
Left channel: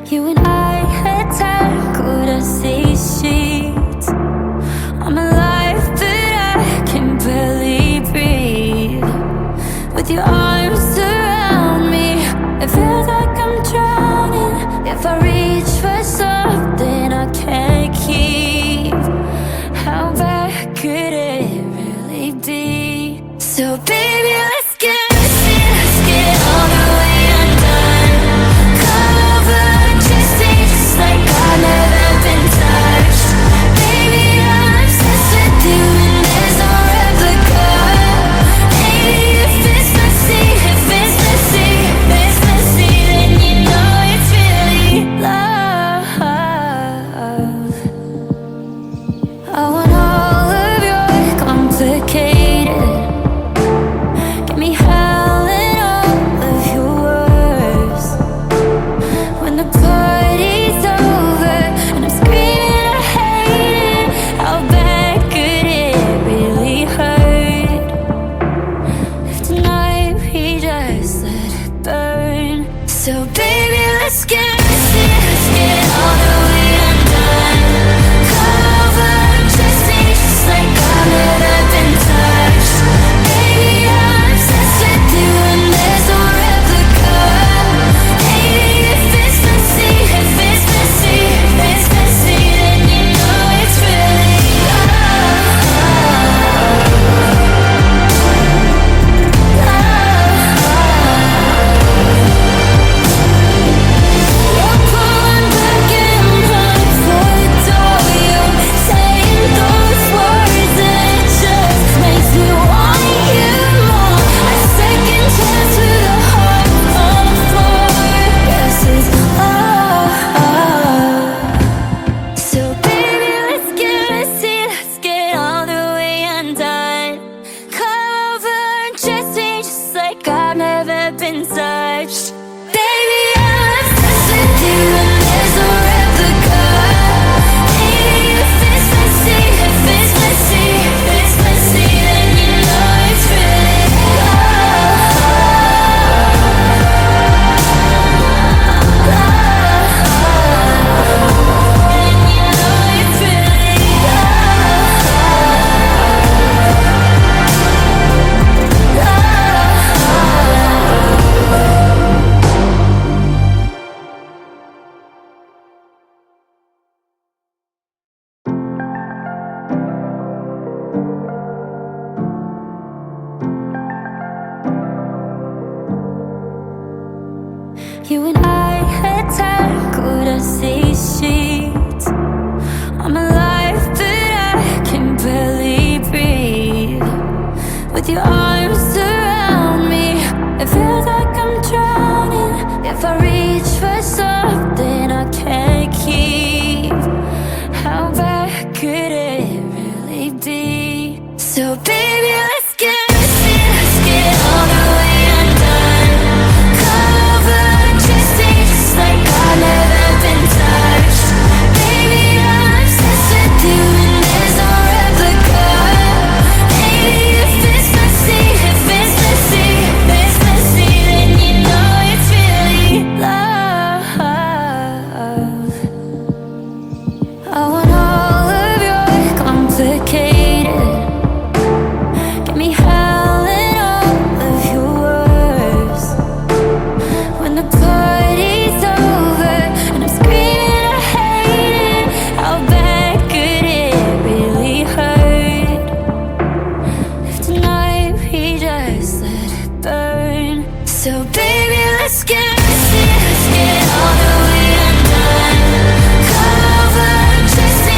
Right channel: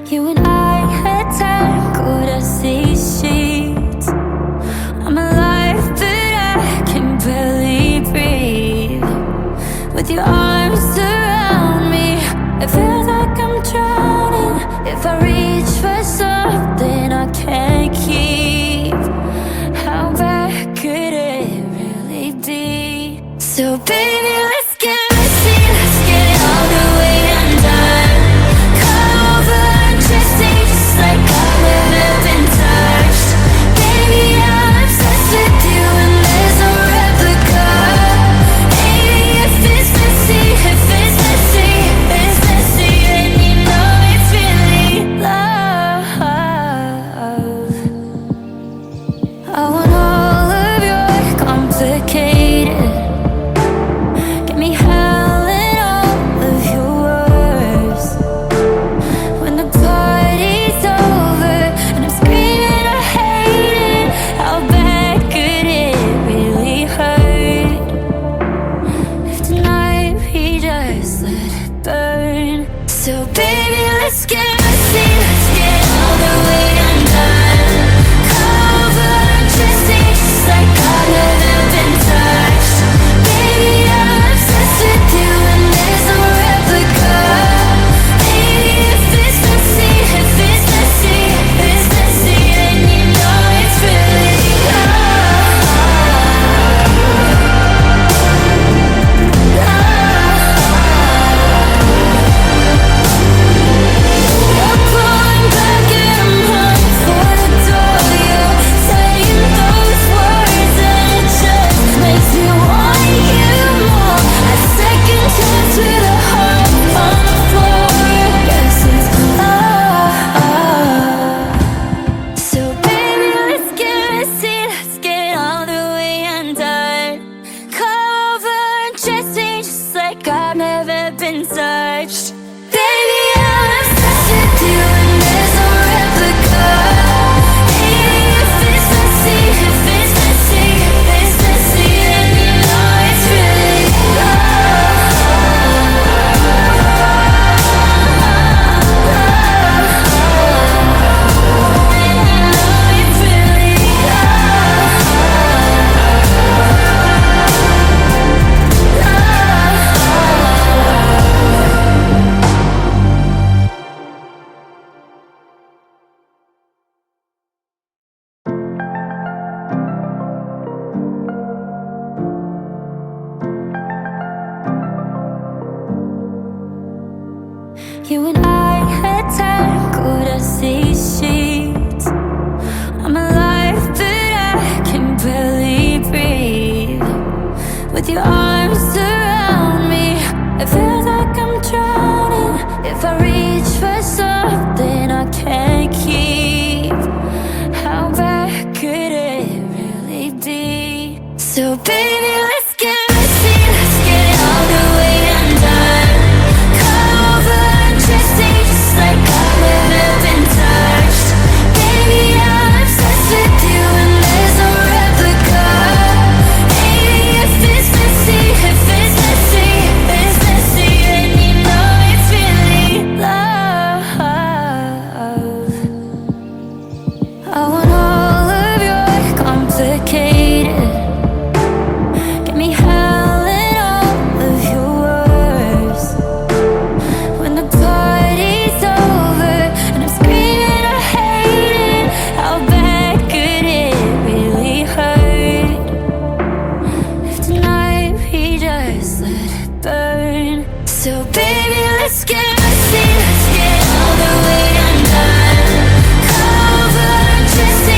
You and I had tackled these sheets. I'm alive, but I can barely breathe. With your arms around me, it feels like I'm drowning. If I reach for something I can't keep, how bad could it really be? So baby, let's get messy, let's get all the way undone. Cover Jesse just like I've never been touched. Baby, I'm obsessed with you and there's no replica. Hey, if it's messy, if it's messy, if it's messy, then you know it's really love. I want all of your complicated, get me howling all of your words. When the party's over and I'm screaming I hate it, how bad could it really hurt? If tonight we just let it burn. So baby, let's get messy, let's get all the way undone. Cover Jesse just like I've never been touched. Baby, I'm obsessed with you and there's no replica. Hey, if it's messy, if it's messy, if it's messy, then you know it's really love. You're pulling back and I'm running for the door. You're saying those words and it just makes me want you more. A second chance with a heart on the floor. Yes, it's love. So baby, let's get messy, let's get all the way undone. Come over and just me just like I've never been touched. Baby, I'm obsessed with you and there's no replica. Hey, if it's messy, if it's messy, if it's messy, then you know it's really love. Then you know it's really love. You and I had tackled these sheets. I'm alive, but I can barely breathe. With your arms around me, it feels like I'm drowning. If I reach for something I can't keep, how bad could it really be? So baby, let's get messy, let's get all the way undone. Cover Jesse just like I've never been touched. Baby, I'm obsessed with you and there's no replica. Hey, if it's messy, if it's messy, if it's messy, then you know it's really love. I want all of your complicated, get me howling all of your words. When the party's over and I'm screaming I hate it, how bad could it really hurt? If tonight we just let it burn. So baby, let's get messy, let's get all the way undone. Cover just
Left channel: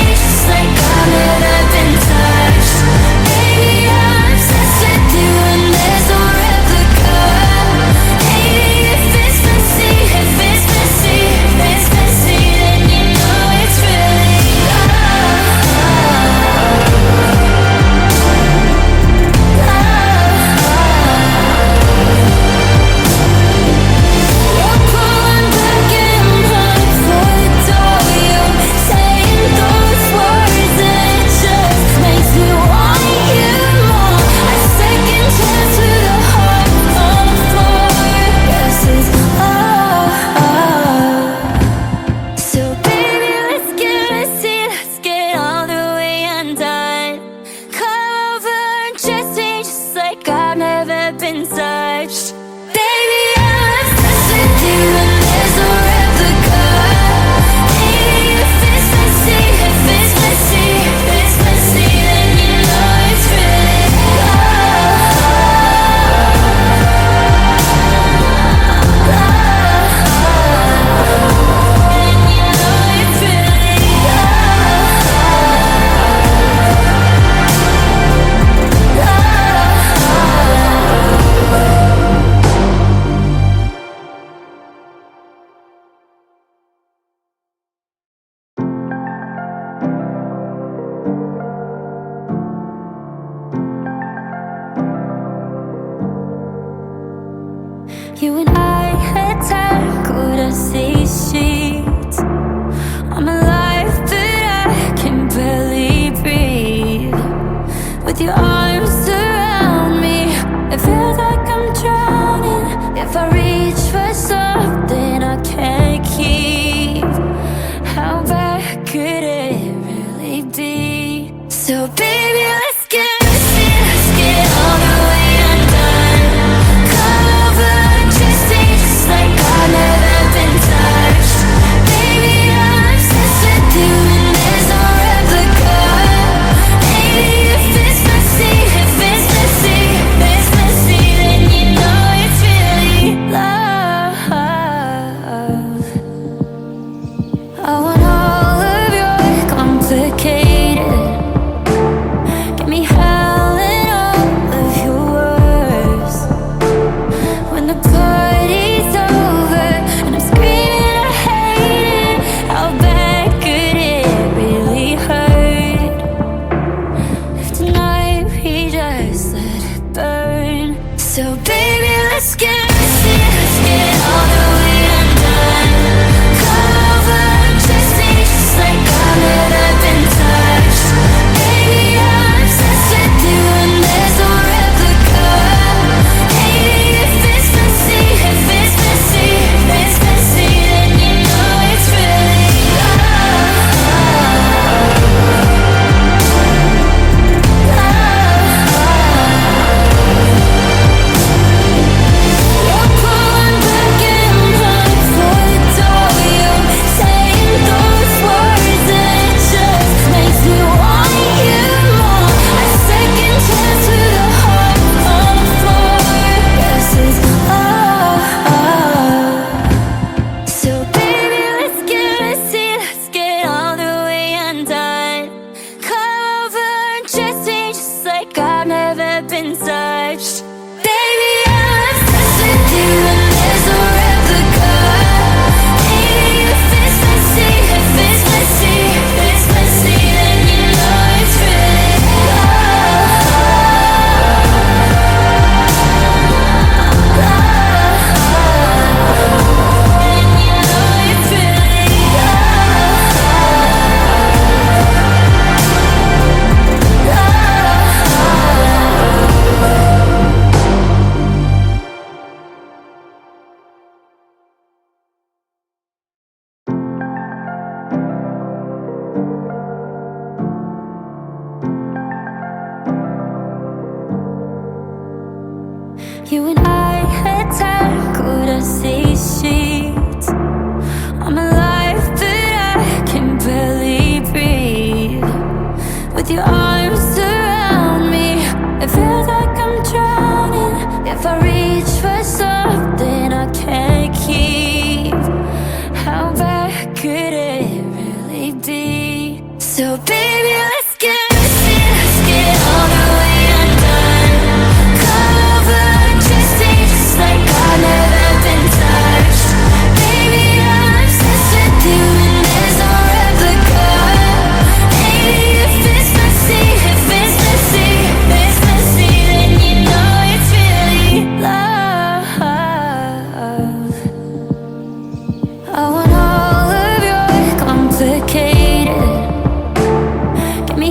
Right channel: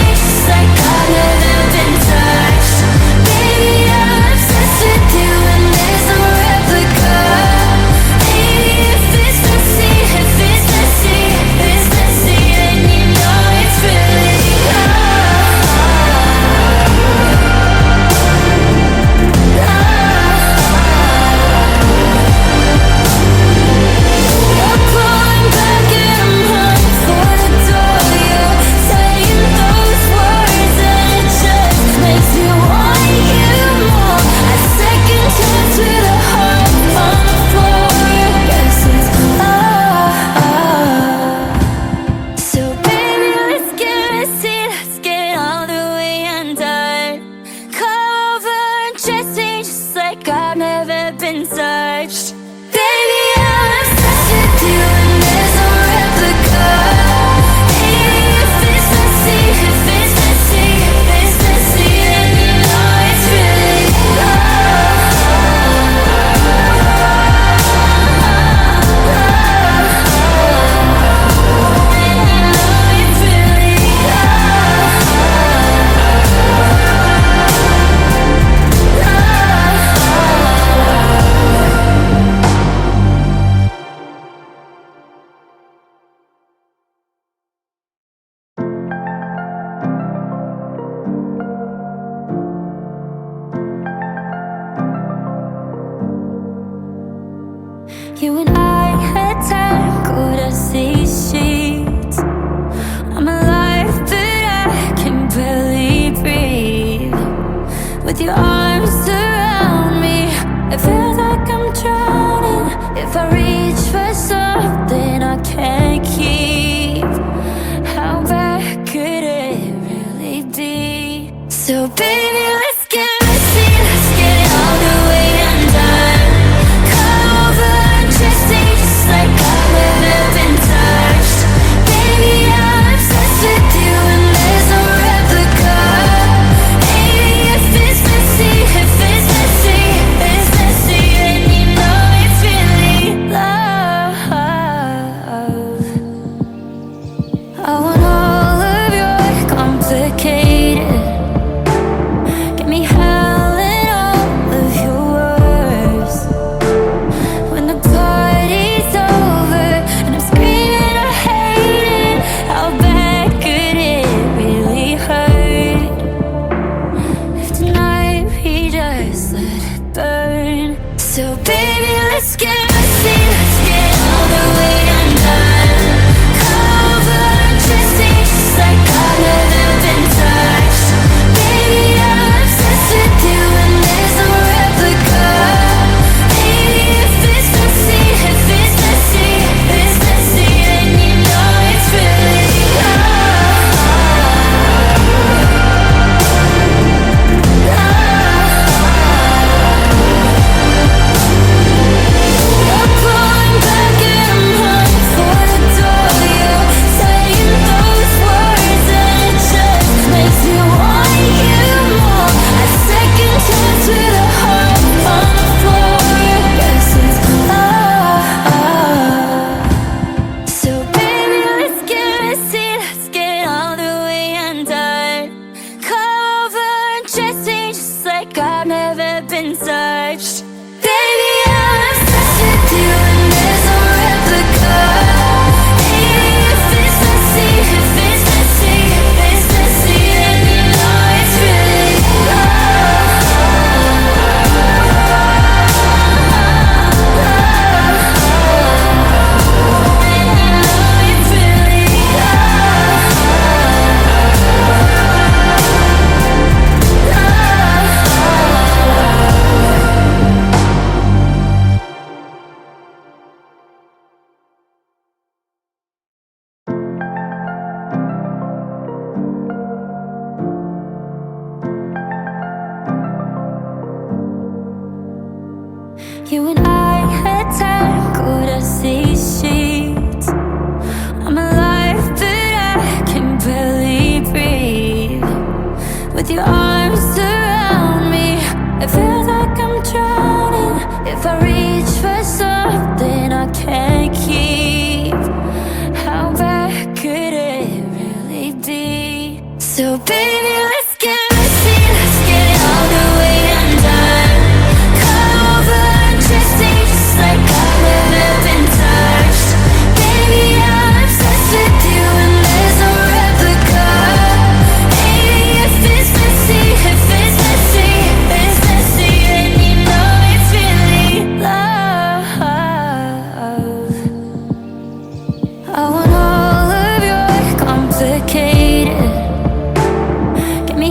You and I had tangled as these sheets. I'm alive, but I can barely breathe. With your arms around me, it feels like I'm drowning. If I reach for something I can't keep, how bad could it really be? So baby, let's get messy, let's get all the way undone. Cover and dressing just like I've never been touched. Baby, I'm obsessed with you and there's no replica. Hey, if it's messy, if it's messy, if it's messy, then you know it's really love. I want all of your complicated, get me howling all of your words. When the party's over and I'm screaming I hate it, how bad could it really hurt? If tonight we just let it burn. So baby, let's get messy, let's get all the way undone. Cover and dressing just like I've never been touched. Baby, I'm obsessed with you and there's no replica. Baby, if it's messy, if it's messy, if it's messy, then you know it's really love. You're pulling back and I'm running for the door. You're saying those words and it just makes me want you more. A second chance with a heart on the floor. Yes, it's love. So baby, let's get messy, let's get all the way undone. Come over and dressing just like I've never been touched. Baby, I'm obsessed with you and there's no replica. Hey, if it's messy, if it's messy, if it's messy, then you know it's really love. And you know it's really love. You and I had tangled as these sheets. I'm alive, but I can barely breathe. With your arms around me, it feels like I'm drowning. If I reach for something I can't keep, how bad could it really be? So baby, let's get messy, let's get all the way undone. Cover and dressing just like I've never been touched. Baby, I'm obsessed with you and there's no replica. Hey, if it's messy, if it's messy, if it's messy, then you know it's really love. I want all of your complicated, get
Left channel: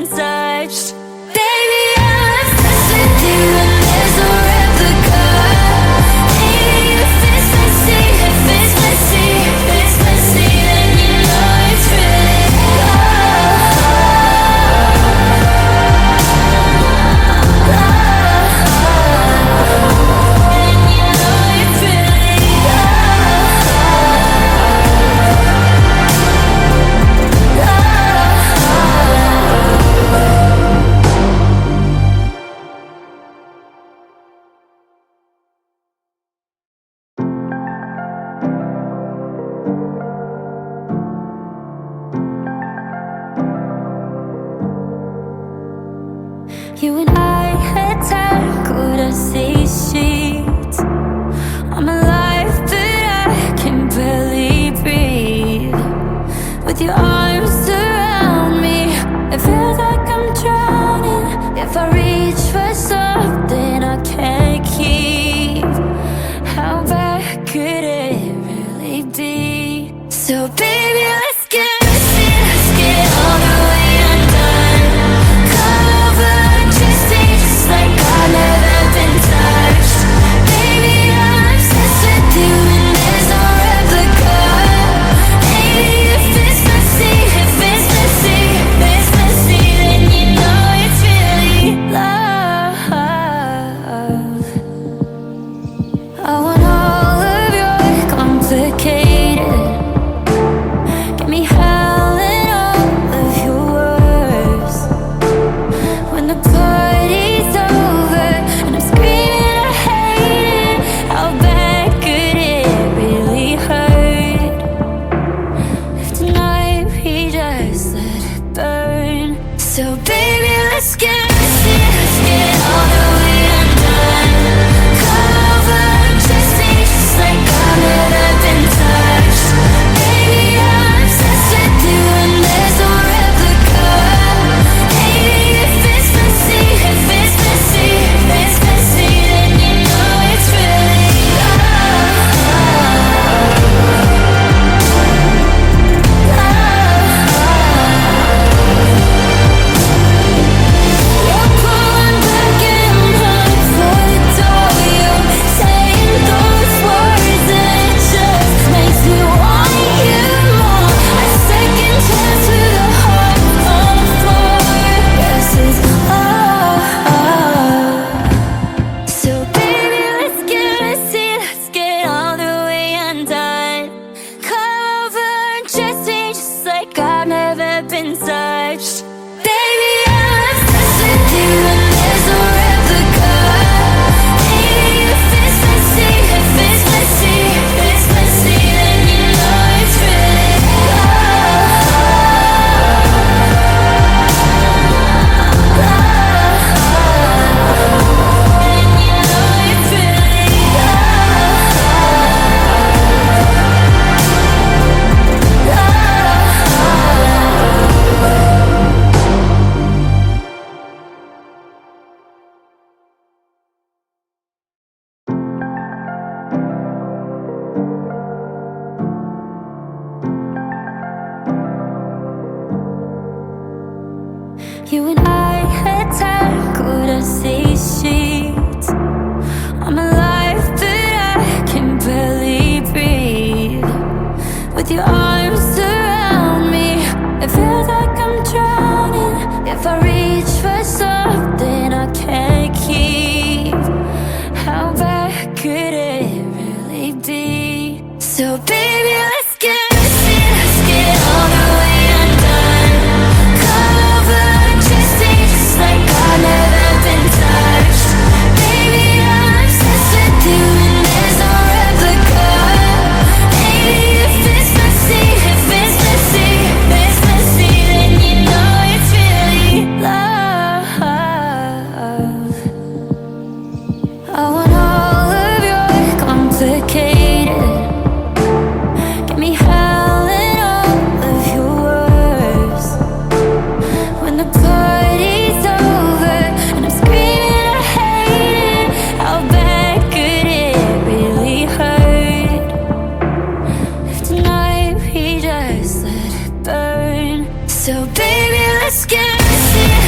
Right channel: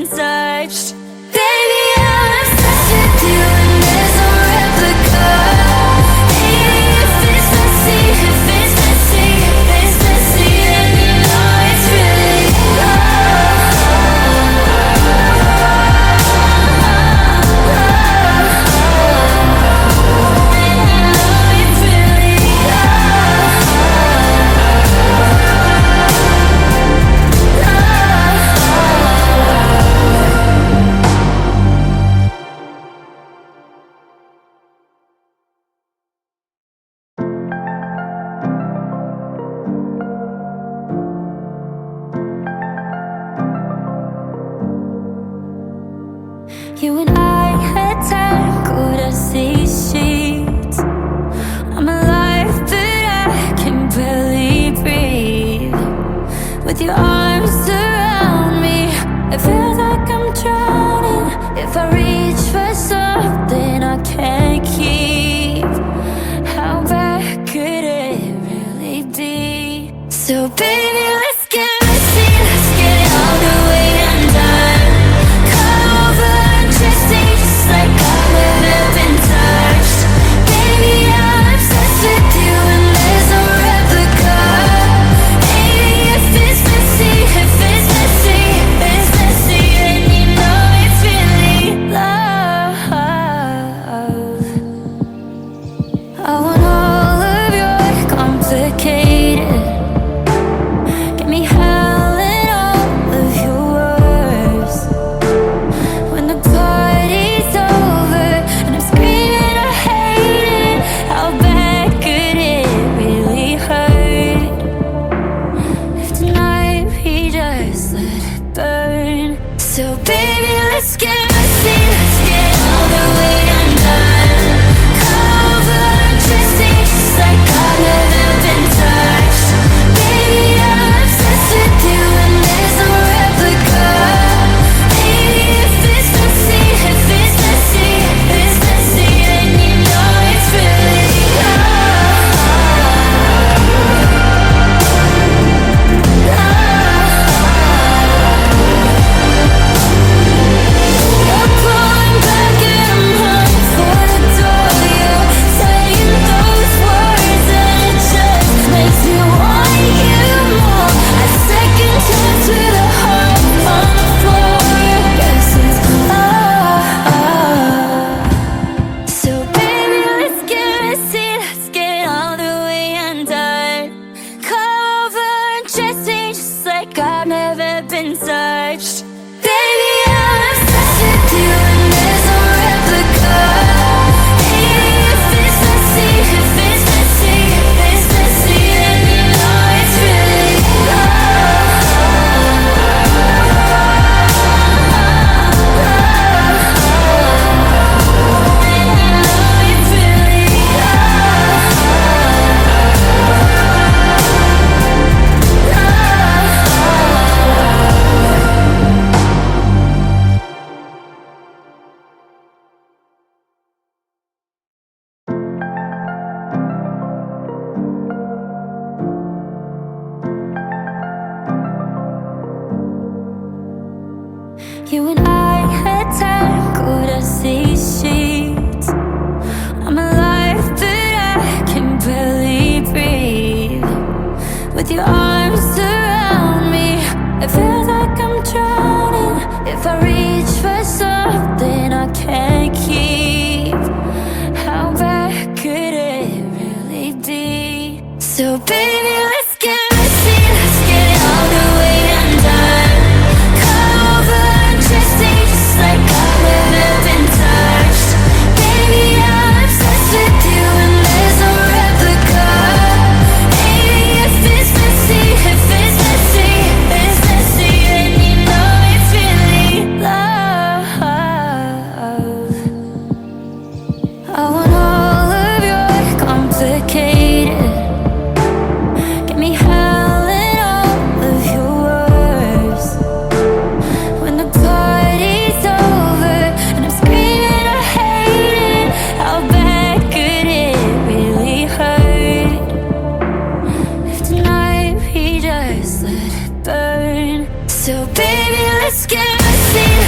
been touched. Baby, I'm obsessed with you and there's no replica. Hey, if it's messy, if it's messy, if it's messy, then you know it's really love. And you know it's really love. You and I had tackled a sea sheet. I'm alive, but I can barely breathe. With your arms around me, it feels like I'm drowning. If I reach for something I can't keep, how bad could it really be? So baby, let's get messy, let's get all the way undone. Cover and dressing just like I've never been touched. Baby, I'm obsessed with you and there's no replica. Hey, if it's messy, if it's messy, if it's messy, then you know it's really love. I want all of your complicated. Get me howling all of your words. When the party's over and I'm screaming I hate it, how bad could it really hurt? If tonight we just let it burn. So baby, let's get messy, let's get all the way undone. Cover and dressing just like I've never been touched. Baby, I'm obsessed with you and there's no replica. Baby, if it's messy, if it's messy, if it's messy, then you know it's really love. You're pulling back and I'm running for the door. You're saying those words and it just makes me want you more. A second chance with a heart on the floor. Yes, it's love. So baby, let's get messy, let's get all the way undone. Come over and dressing just like I've never been touched. Baby, I'm obsessed with you and there's no replica. Hey, if it's messy, if it's messy, if it's messy, then you know it's really love. And you know it's really love. You and I had tackled a sea sheet. I'm alive, but I can barely breathe. With your arms around me, it feels like I'm drowning. If I reach for something I can't keep, how bad could it really be? So baby, let's get messy, let's get all the way undone. Cover and dressing just like I've never been touched. Baby, I'm obsessed with you and there's no replica. Hey, if it's messy, if it's messy, if it's messy, then you know it's really love. I want all of your complicated. Get me howling all of your words. When the party's over and I'm screaming I hate it, how bad could it really hurt? If tonight we just let it burn. So baby, let's get messy.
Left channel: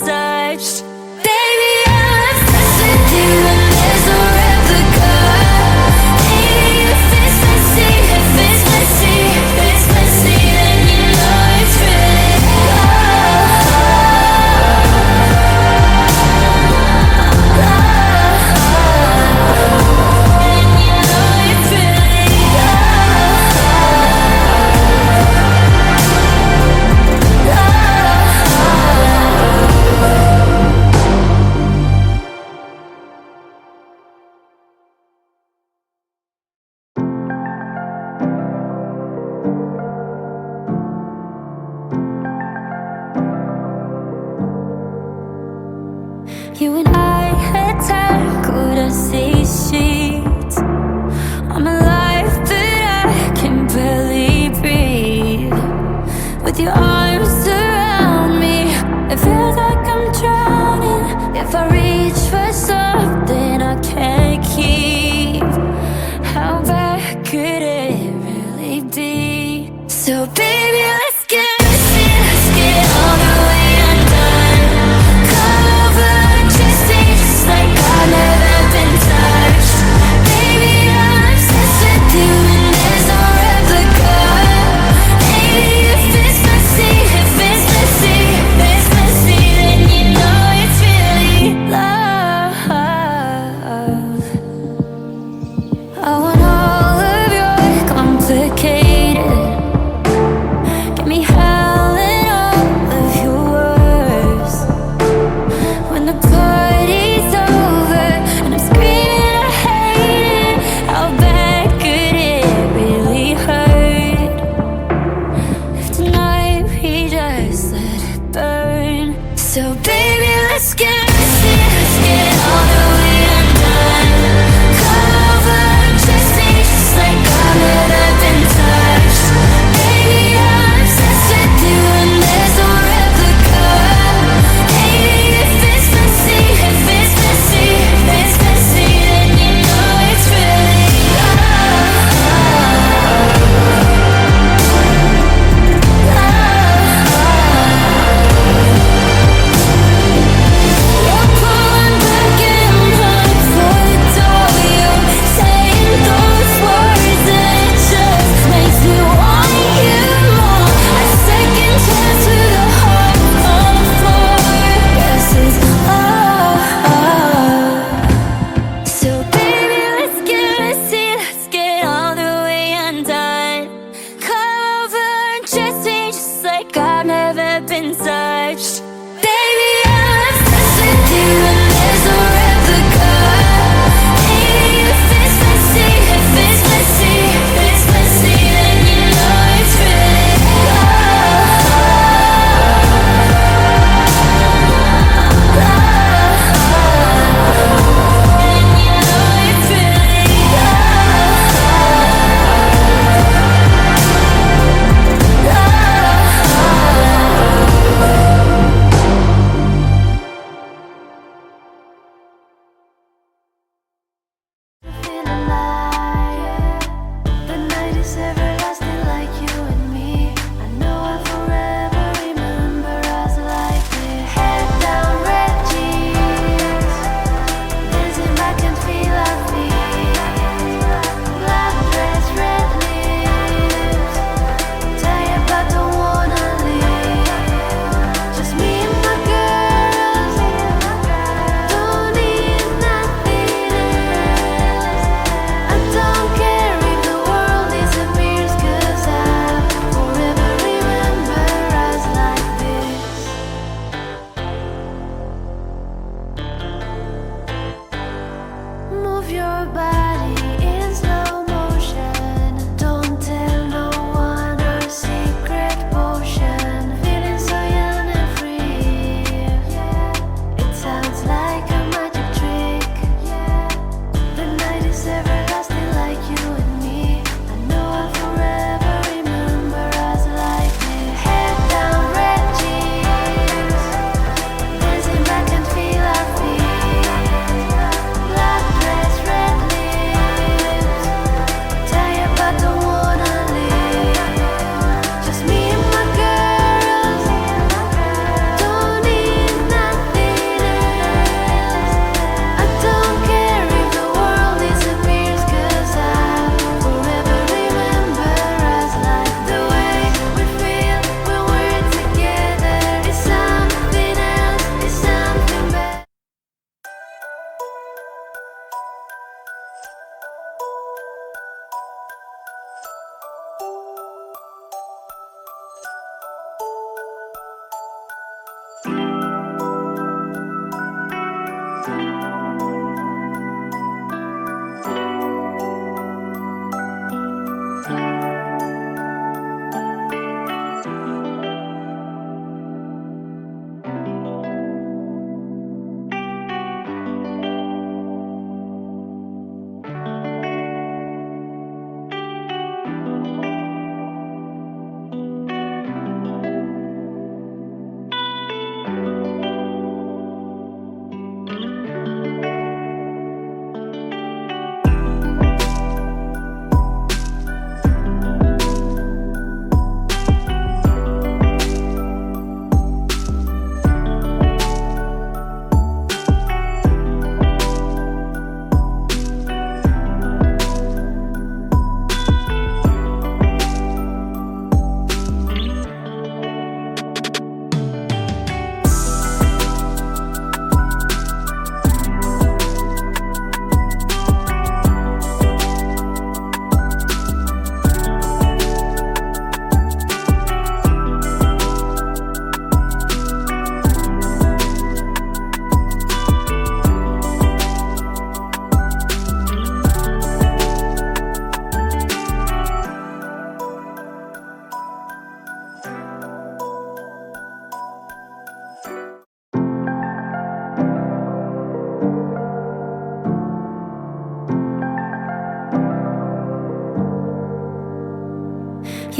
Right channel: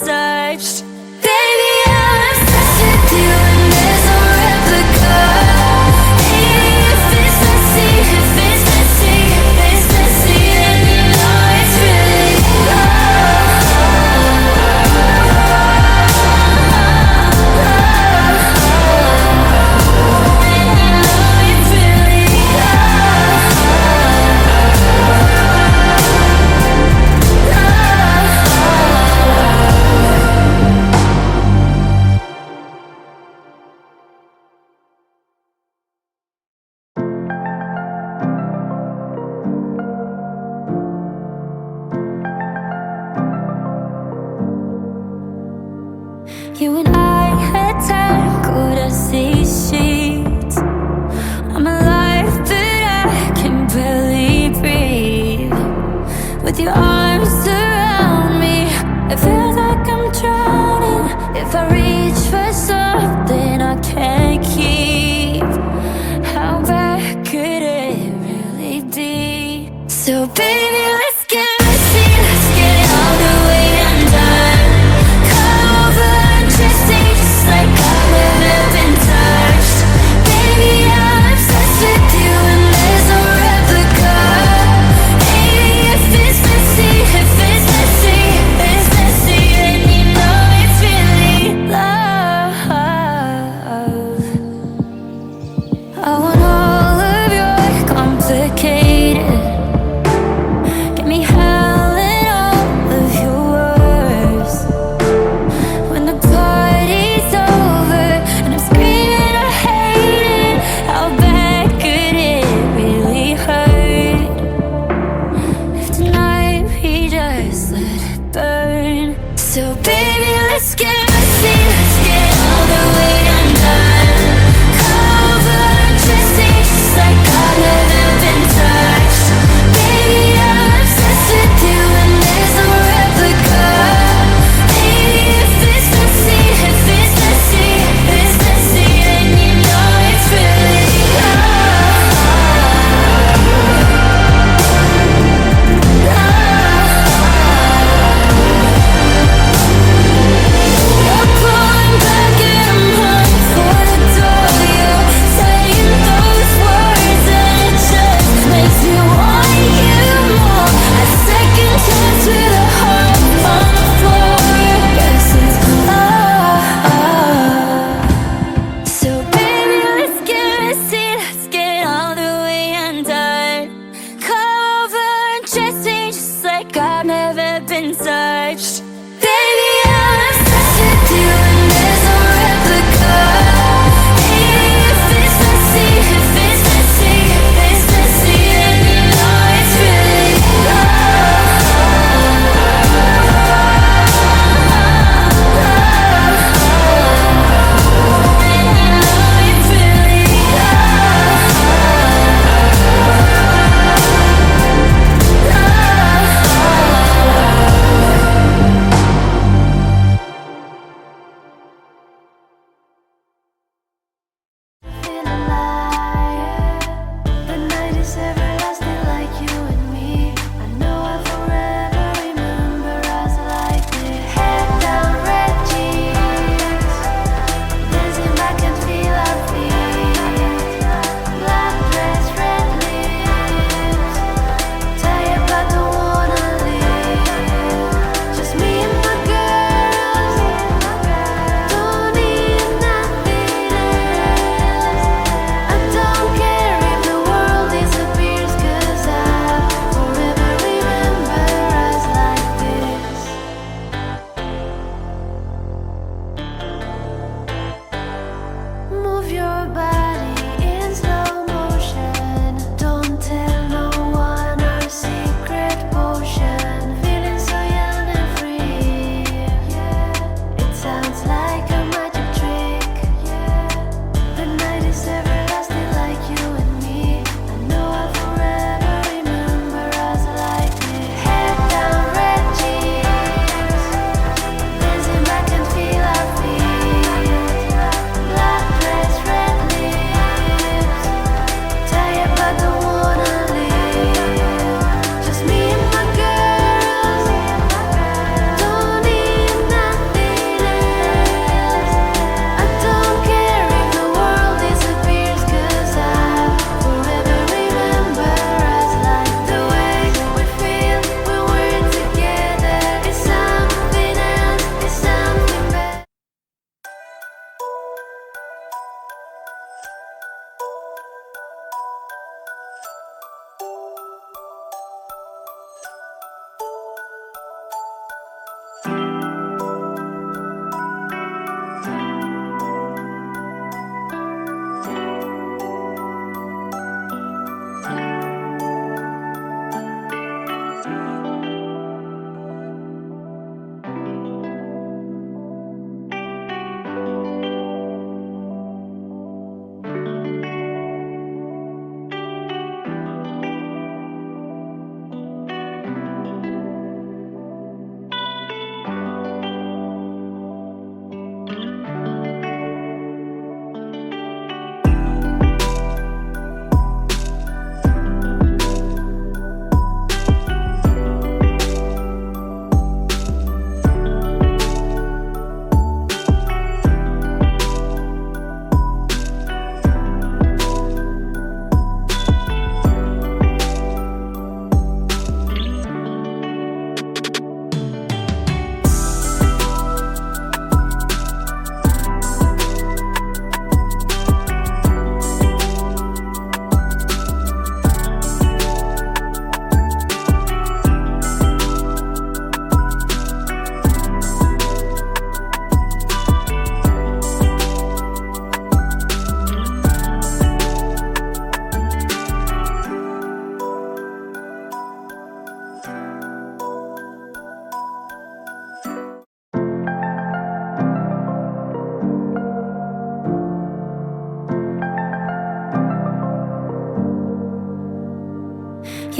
touched. Baby, I'm obsessed with you and there's no replica. Maybe if it's messy, then you know it's really love. And you know it's really love. You and I had tackled a sea sheet. I'm alive, but I can barely breathe. With your arms around me, it feels like I'm drowning. If I reach for something I can't keep, how bad could it really be? So baby, let's get messy, let's get all the way undone. Cover and dressing just like I've never been touched. Baby, I'm obsessed with you and there's no replica. Maybe if it's messy, then you know it's really love. I want all of your complicated. Get me howling all of your words. When the party's over and I'm screaming I hate it, how bad could it really hurt? If tonight we just let it burn. So baby, let's get messy, let's get all the way undone. Cover and dressing just like I've never been touched. Baby, I'm obsessed with you and there's no replica. Maybe if it's messy, then you know it's really love. Love.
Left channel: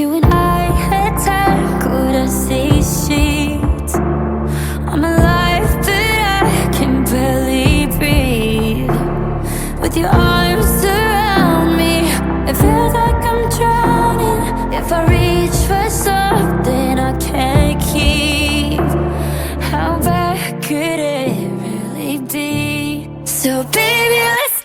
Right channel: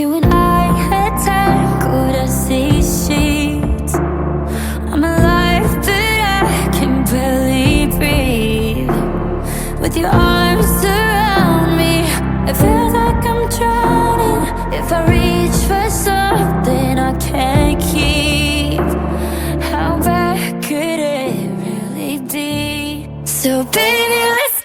You and I had tackled these sheets. I'm alive, but I can barely breathe. With your arms around me, it feels like I'm drowning. If I reach for something I can't keep, how bad could it really be? So baby, let's